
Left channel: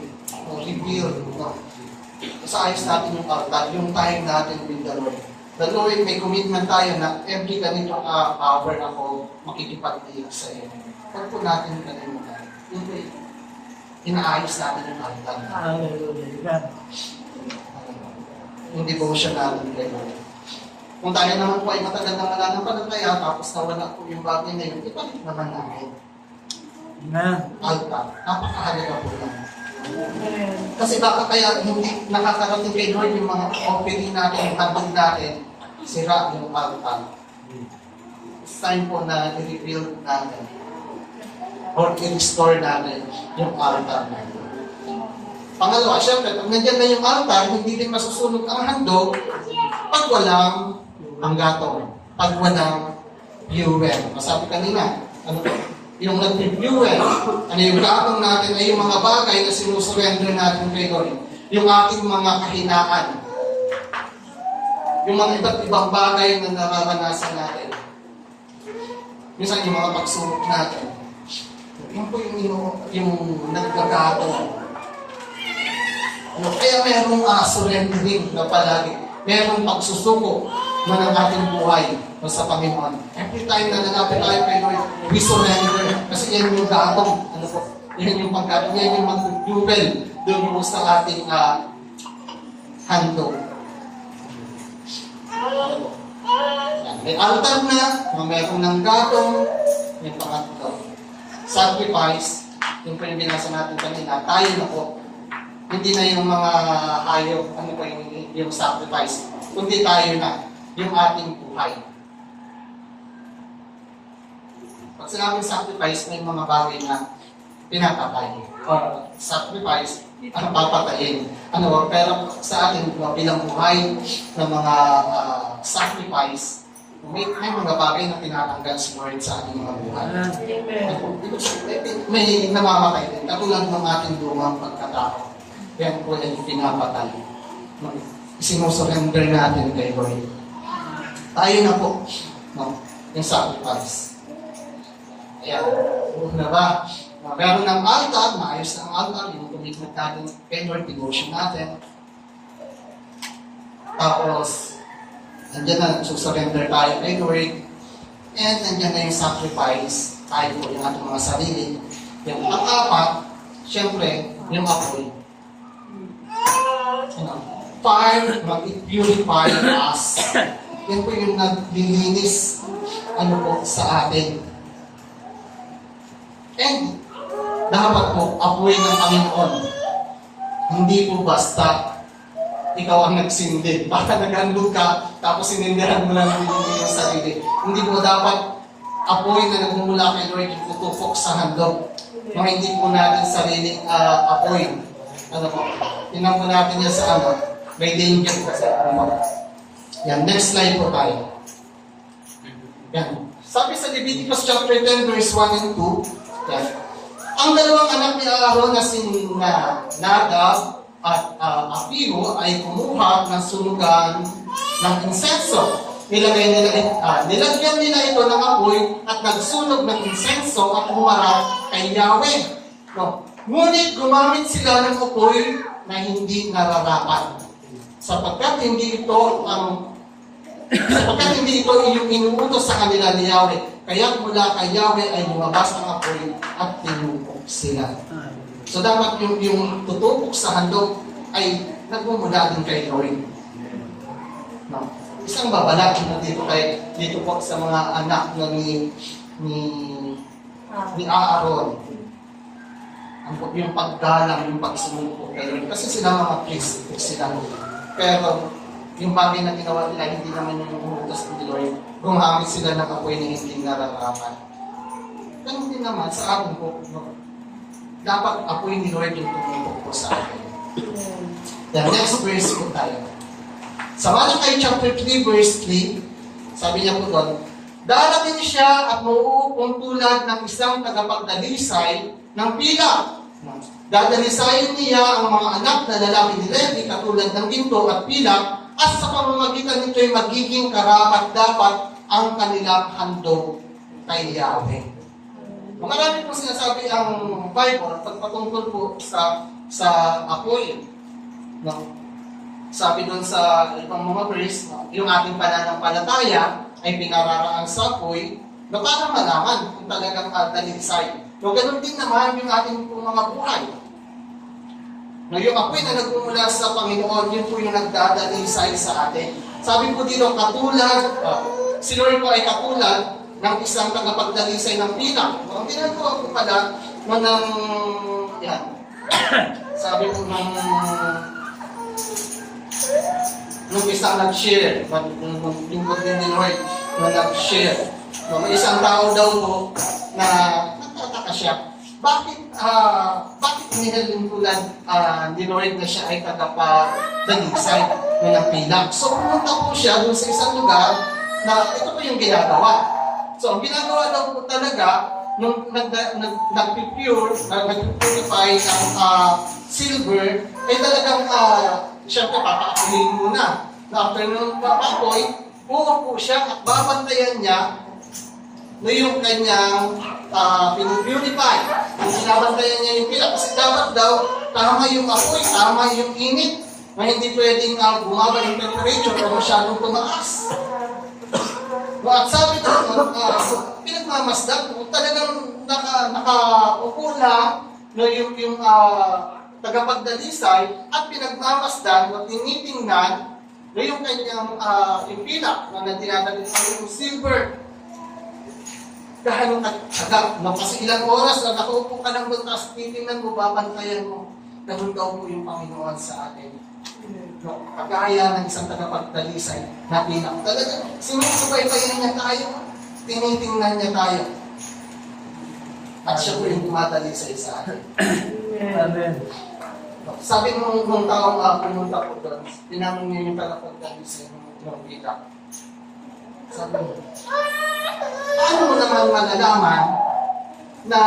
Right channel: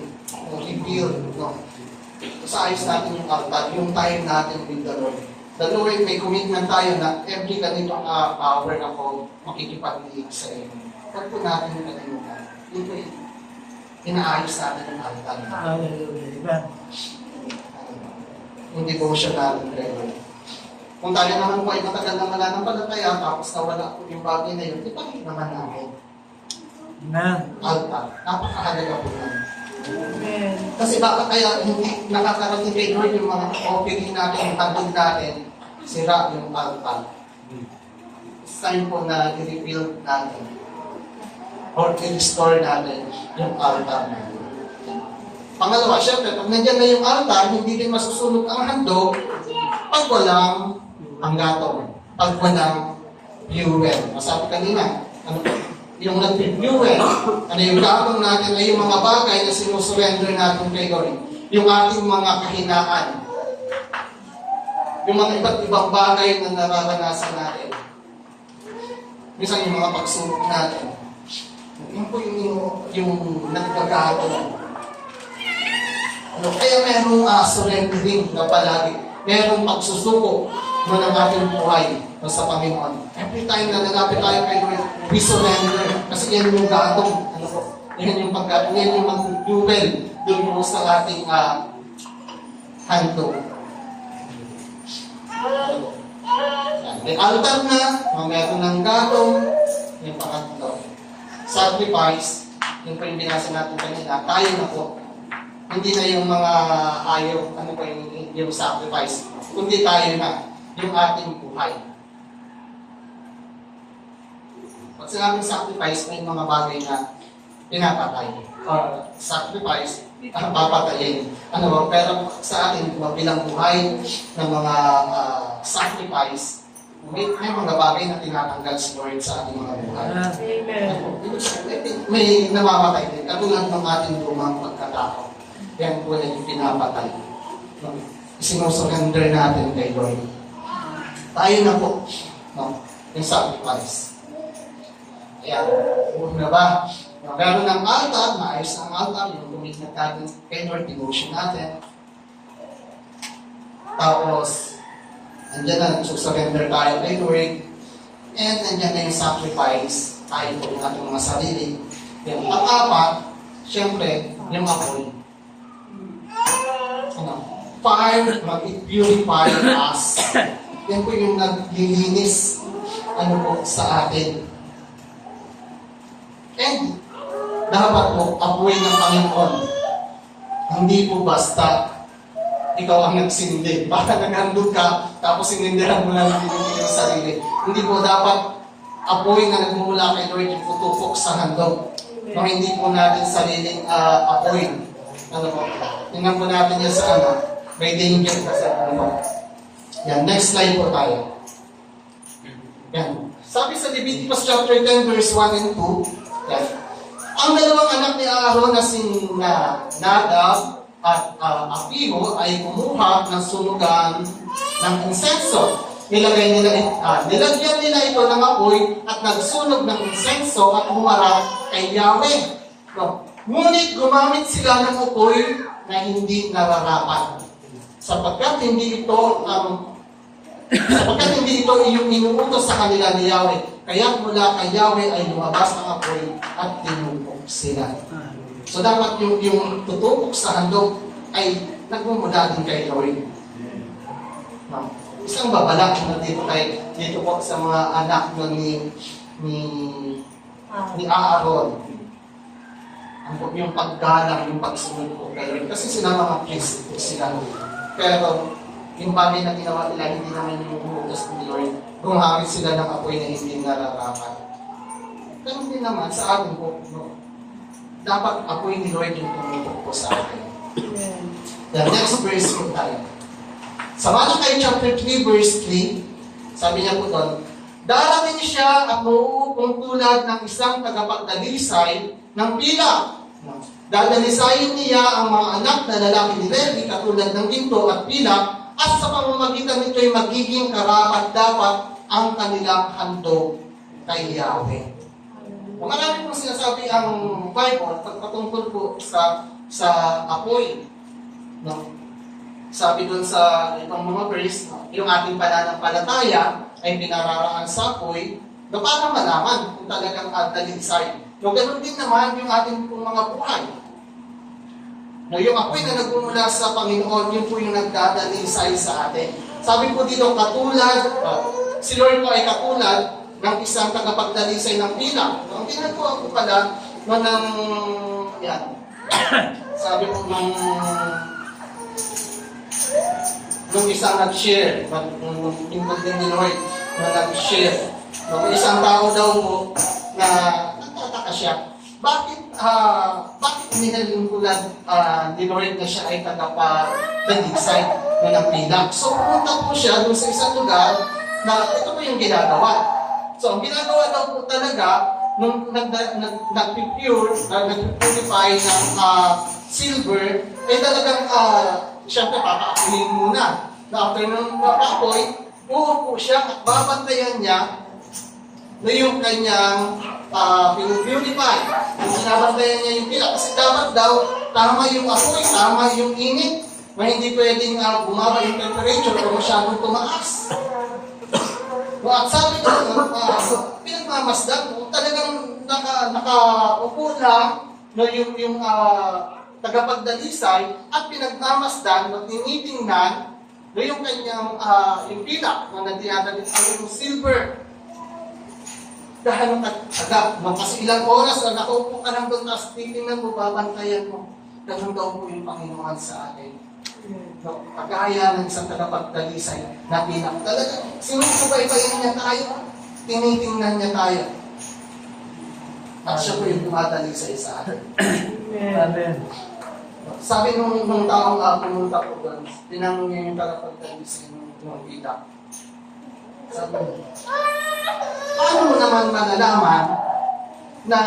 Rebuild. Sa ayos natin yung altar, yung time natin with the Lord. The Lord, may commitment tayo na every ganito hour ako makikipag-iig sa iyo. Huwag po natin kalimutan. Hindi. Inaayos natin yung altar. Hallelujah. Amen. Yung devotion natin kay Lord. Kung tayo naman po ay matagal na wala ng palataya, tapos nawala po yung bagay na yun, ipalik naman namin. Amen. Altar. Napakahalaga po lang. Amen. Kasi baka kaya hindi nakakarating kay Lord yung mga offering natin, yung handog natin, sira yung altar. It's time po na i-rebuild natin or i-restore natin yung altar natin. Pangalawa, syempre, pag nandiyan na yung altar, hindi din masusunog ang handog pag walang ang gatong pag walang fuel. Masabi kanina, ano po? Yung nag-fuel, ano yung gatong natin ay yung mga bagay na sinusurrender natin kay Lord. Yung ating mga kahinaan. Yung mga iba't ibang bagay na nararanasan natin. Minsan yung mga pagsubok natin. Yun po yung nagkagatong. Ano, kaya merong surrendering na palagi. Merong pagsusuko na ng ating buhay sa Panginoon. Every time na nalapit tayo kay Lord, we surrender. Kasi yan yung gatong. Ano po? Yan yung paggatong. Yan yung mag-jubel doon mo sa ating handog. May altar na meron ng gatong. Yung pangatlo. Sacrifice. Yung po yung binasa natin kanina. Tayo na po. Hindi na yung mga hayop, ano pa yung sacrifice, kundi tayo na, yung ating buhay. Pag sinabing sacrifice, may mga bagay na pinapatay. Or sacrifice, ang papatayin. Ano, pero sa ating bilang buhay ng mga sacrifice, may mga bagay na tinatanggal si Lord sa ating mga buhay. Amen. May namamatay din, katulad ng ating lumang pagkatao. Yan po yung pinapatay. Sinusurrender natin kay Lord. Tayo na po. No? Yung sacrifice. Ayan. Na ba? Meron ng altar, maayos ang altar, yung commitment natin kay Lord, devotion natin. Tapos, andyan na, susurrender tayo kay Lord. And andyan na yung sacrifice. Tayo po yung ating mga sarili. Yung pang-apat, syempre, yung apoy. Fire, mag-purify us. Yan po yung naglilinis po sa atin. And dapat po, apoy ng Panginoon. Hindi po basta ikaw ang nagsindi. Baka naghandog ka, tapos sinindihan mo lang yung sarili. Hindi po dapat apoy na nagmumula kay Lord yung tutupok sa handog. No, hindi po natin sariling apoy. Ano po? Tingnan po natin yan sa may danger kasi yan, next slide po tayo. Yan. Sabi sa Leviticus chapter 10 verse 1 and 2, yan. Ang dalawang anak ni Aaron na Nadab at Abihu ay kumuha ng sunugan ng insenso. Nilagyan nila ito ng apoy at nagsunog ng insenso at humarap kay Yahweh. No. Ngunit gumamit sila ng apoy na hindi nararapat. Sapagkat hindi ito yung inuutos sa kanila ni Yahweh. Kaya mula kay Yahweh ay lumabas ang apoy at tinupok sila. So dapat yung tutupok sa handog ay nagmumula din kay Lord. No. Isang babala na dito po sa mga anak ni Aaron. Yung paggalang, yung pagsunod po kay Lord. Kasi sila mga priest sila. Pero yung bagay na ginawa nila, hindi naman yung utos ni Lord. Gumamit sila ng apoy na hindi nararapat. Ganun din naman sa atin po. No? Dapat apoy ni Lord yung tumupok po sa atin. The next verse po tayo. Sa Malachi chapter 3 verse 3, sabi niya po doon, darating siya at mauupong tulad ng isang tagapagdalisay ng pila. Dadalisayin niya ang mga anak na lalaki ni Levi katulad ng ginto at pila at sa pamamagitan nito ay magiging karapat-dapat ang kanilang handog kay Yahweh. Marami pong sinasabi ang Bible pagpatungkol po sa apoy. No? Sabi doon sa ibang mga verse, yung ating pananampalataya ay pinararaan sa apoy na para malaman kung talagang dalisay. No, ganun din naman yung ating mga buhay. No, yung apoy na nagmumula sa Panginoon, yun po yung nagdadalisay sa atin. Sabi po dito, si Lord po ay katulad ng isang tagapagdalisay ng pila. No, ang ginagawa po pala yan. Sabi po nung isang nag-share, nung lingkod din ni Lord, nung nag-share. No, isang tao daw po na nagtataka siya. bakit nilalungkulan ni Lord na siya ay tagapagdalisay ng pilak? So pumunta po siya doon sa isang lugar na ito po yung ginagawa. So ang ginagawa daw po talaga nung nag-purify ng silver, ay talagang siyempre papakakulin muna. Na after ng papakoy, po siya at babantayan niya na yung kanyang pinupurify. Kung binabantayan niya yung pila, kasi dapat daw tama yung apoy, tama yung init, na hindi pwedeng bumaba yung temperature o masyadong tumaas. At sabi doon, pinagmamasdan, talagang nakaupo lang yung tagapagdalisay at pinagmamasdan at tinitingnan na yung kanyang impila na tinatalisan yung silver. Dahil agad, kasi ilang oras na nakaupo ka lang doon, tapos titingnan mo, babantayan mo, ganun daw po yung Panginoon sa atin. No, kagaya ng isang tagapagdalisay na pilak. Talaga, sinusubaybayan niya tayo, tinitingnan niya tayo. At siya po yung dumadalisay sa atin. Amen. Sabi nung taong pumunta po doon, tinanong niya yung tagapagdalisay ng pilak. Sabi mo, paano mo naman malalaman na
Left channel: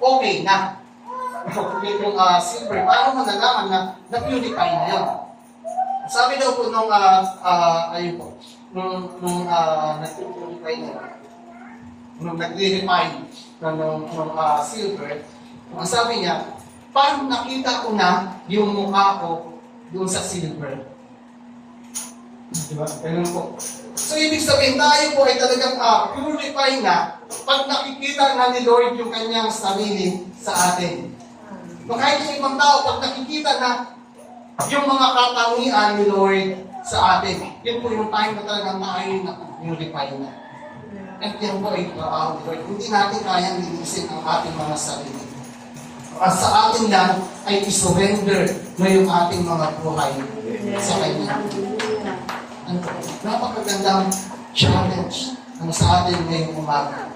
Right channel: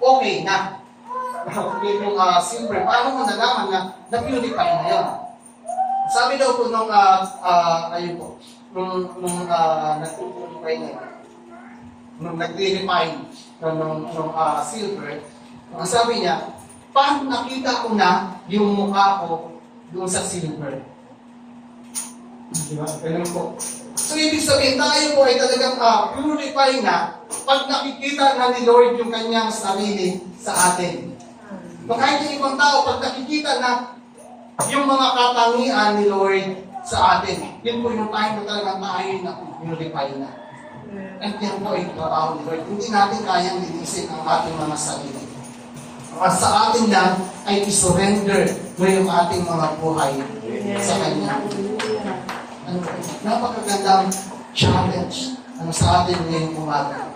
okay na? Yung silver, paano mo nalaman na na-purify na yun? Sabi daw po nung nag-purify na yun, nung nag-refine nung silver, ang sabi niya, paano nakita ko na yung mukha ko doon sa silver? Diba? Ganun po. So, ibig sabihin, tayo po ay talagang purify na pag nakikita na ni Lord yung kanyang sarili sa atin. So, kahit yung ibang tao, pag nakikita na yung mga katangian ni Lord sa atin, yun po yung time na talagang tayo na purify na. At yan po ay trabaho ni Lord. Hindi natin kayang linisin ang ating mga sarili. At sa atin lang ay isurrender na yung ating mga buhay sa Kanya. Napakagandang challenge sa atin ngayong umaga.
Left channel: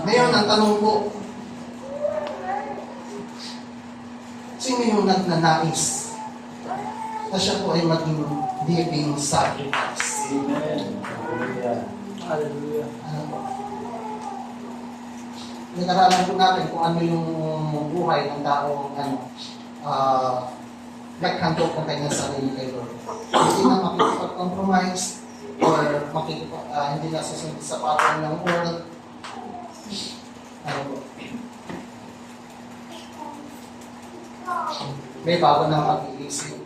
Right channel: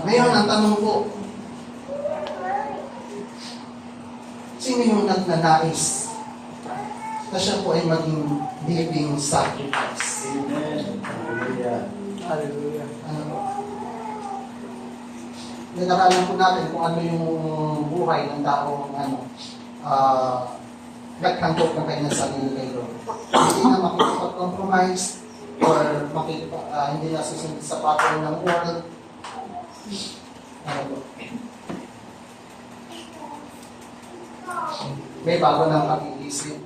Ngayon, ang tanong po, sino yung nagnanais na siya po ay maging living sacrifice? Amen. Hallelujah. Hallelujah. Nag-aralan po natin kung ano yung buhay ng taong naghandog ng kanyang sarili kay Lord. Hindi na makikipag-compromise or hindi na susunod sa pattern ng world. May bago ng pag-iisip.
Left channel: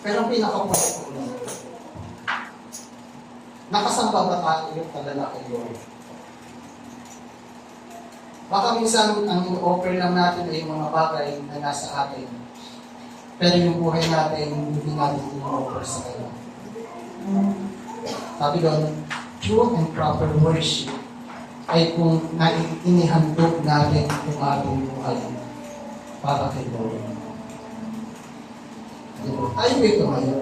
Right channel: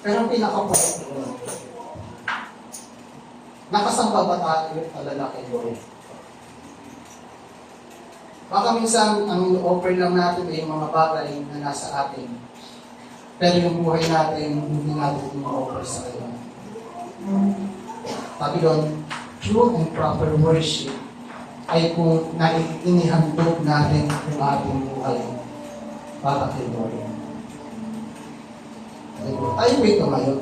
Pero ang pinaka-point ko, nakasamba ba tayo talaga kay Lord? Baka minsan, ang offer lang natin ay mga bagay na nasa atin. Pero yung buhay natin, hindi natin yung-offer sa Kanya. Sabi doon, true and proper worship ay kung inihandog natin yung ating buhay para kay Lord. Tayo ba ito ngayon?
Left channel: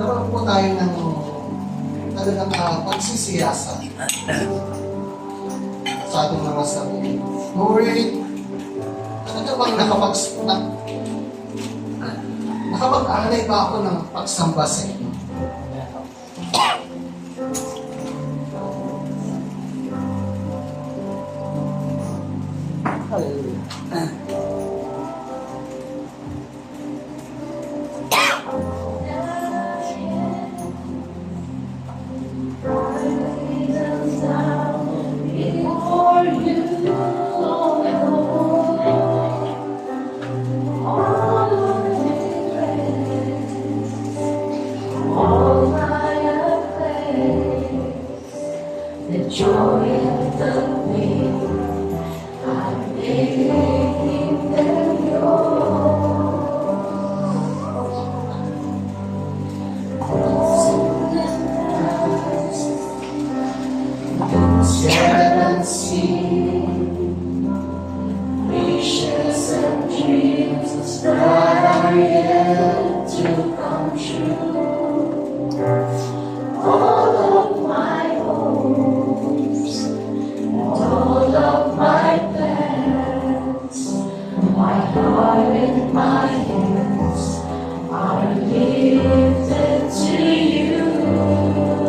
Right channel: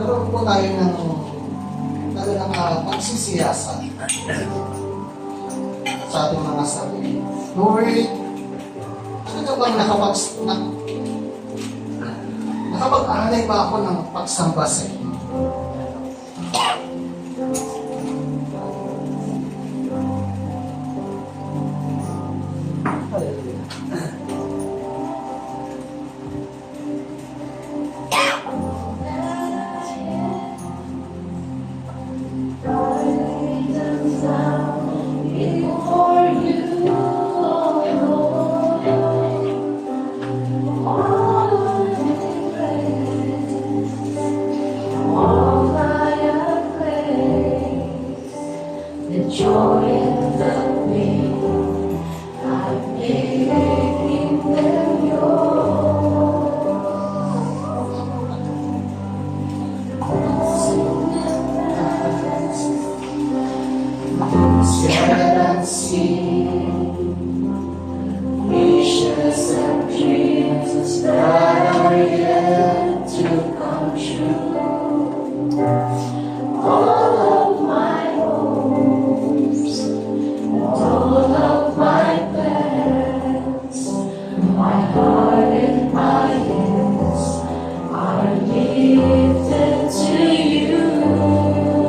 Naroon po tayo ng talagang pagsisiyasa sa ating mga sarili. Lord, talaga bang nakapag-alay ba ako ng pagsamba sa inyo? joy in the waiting.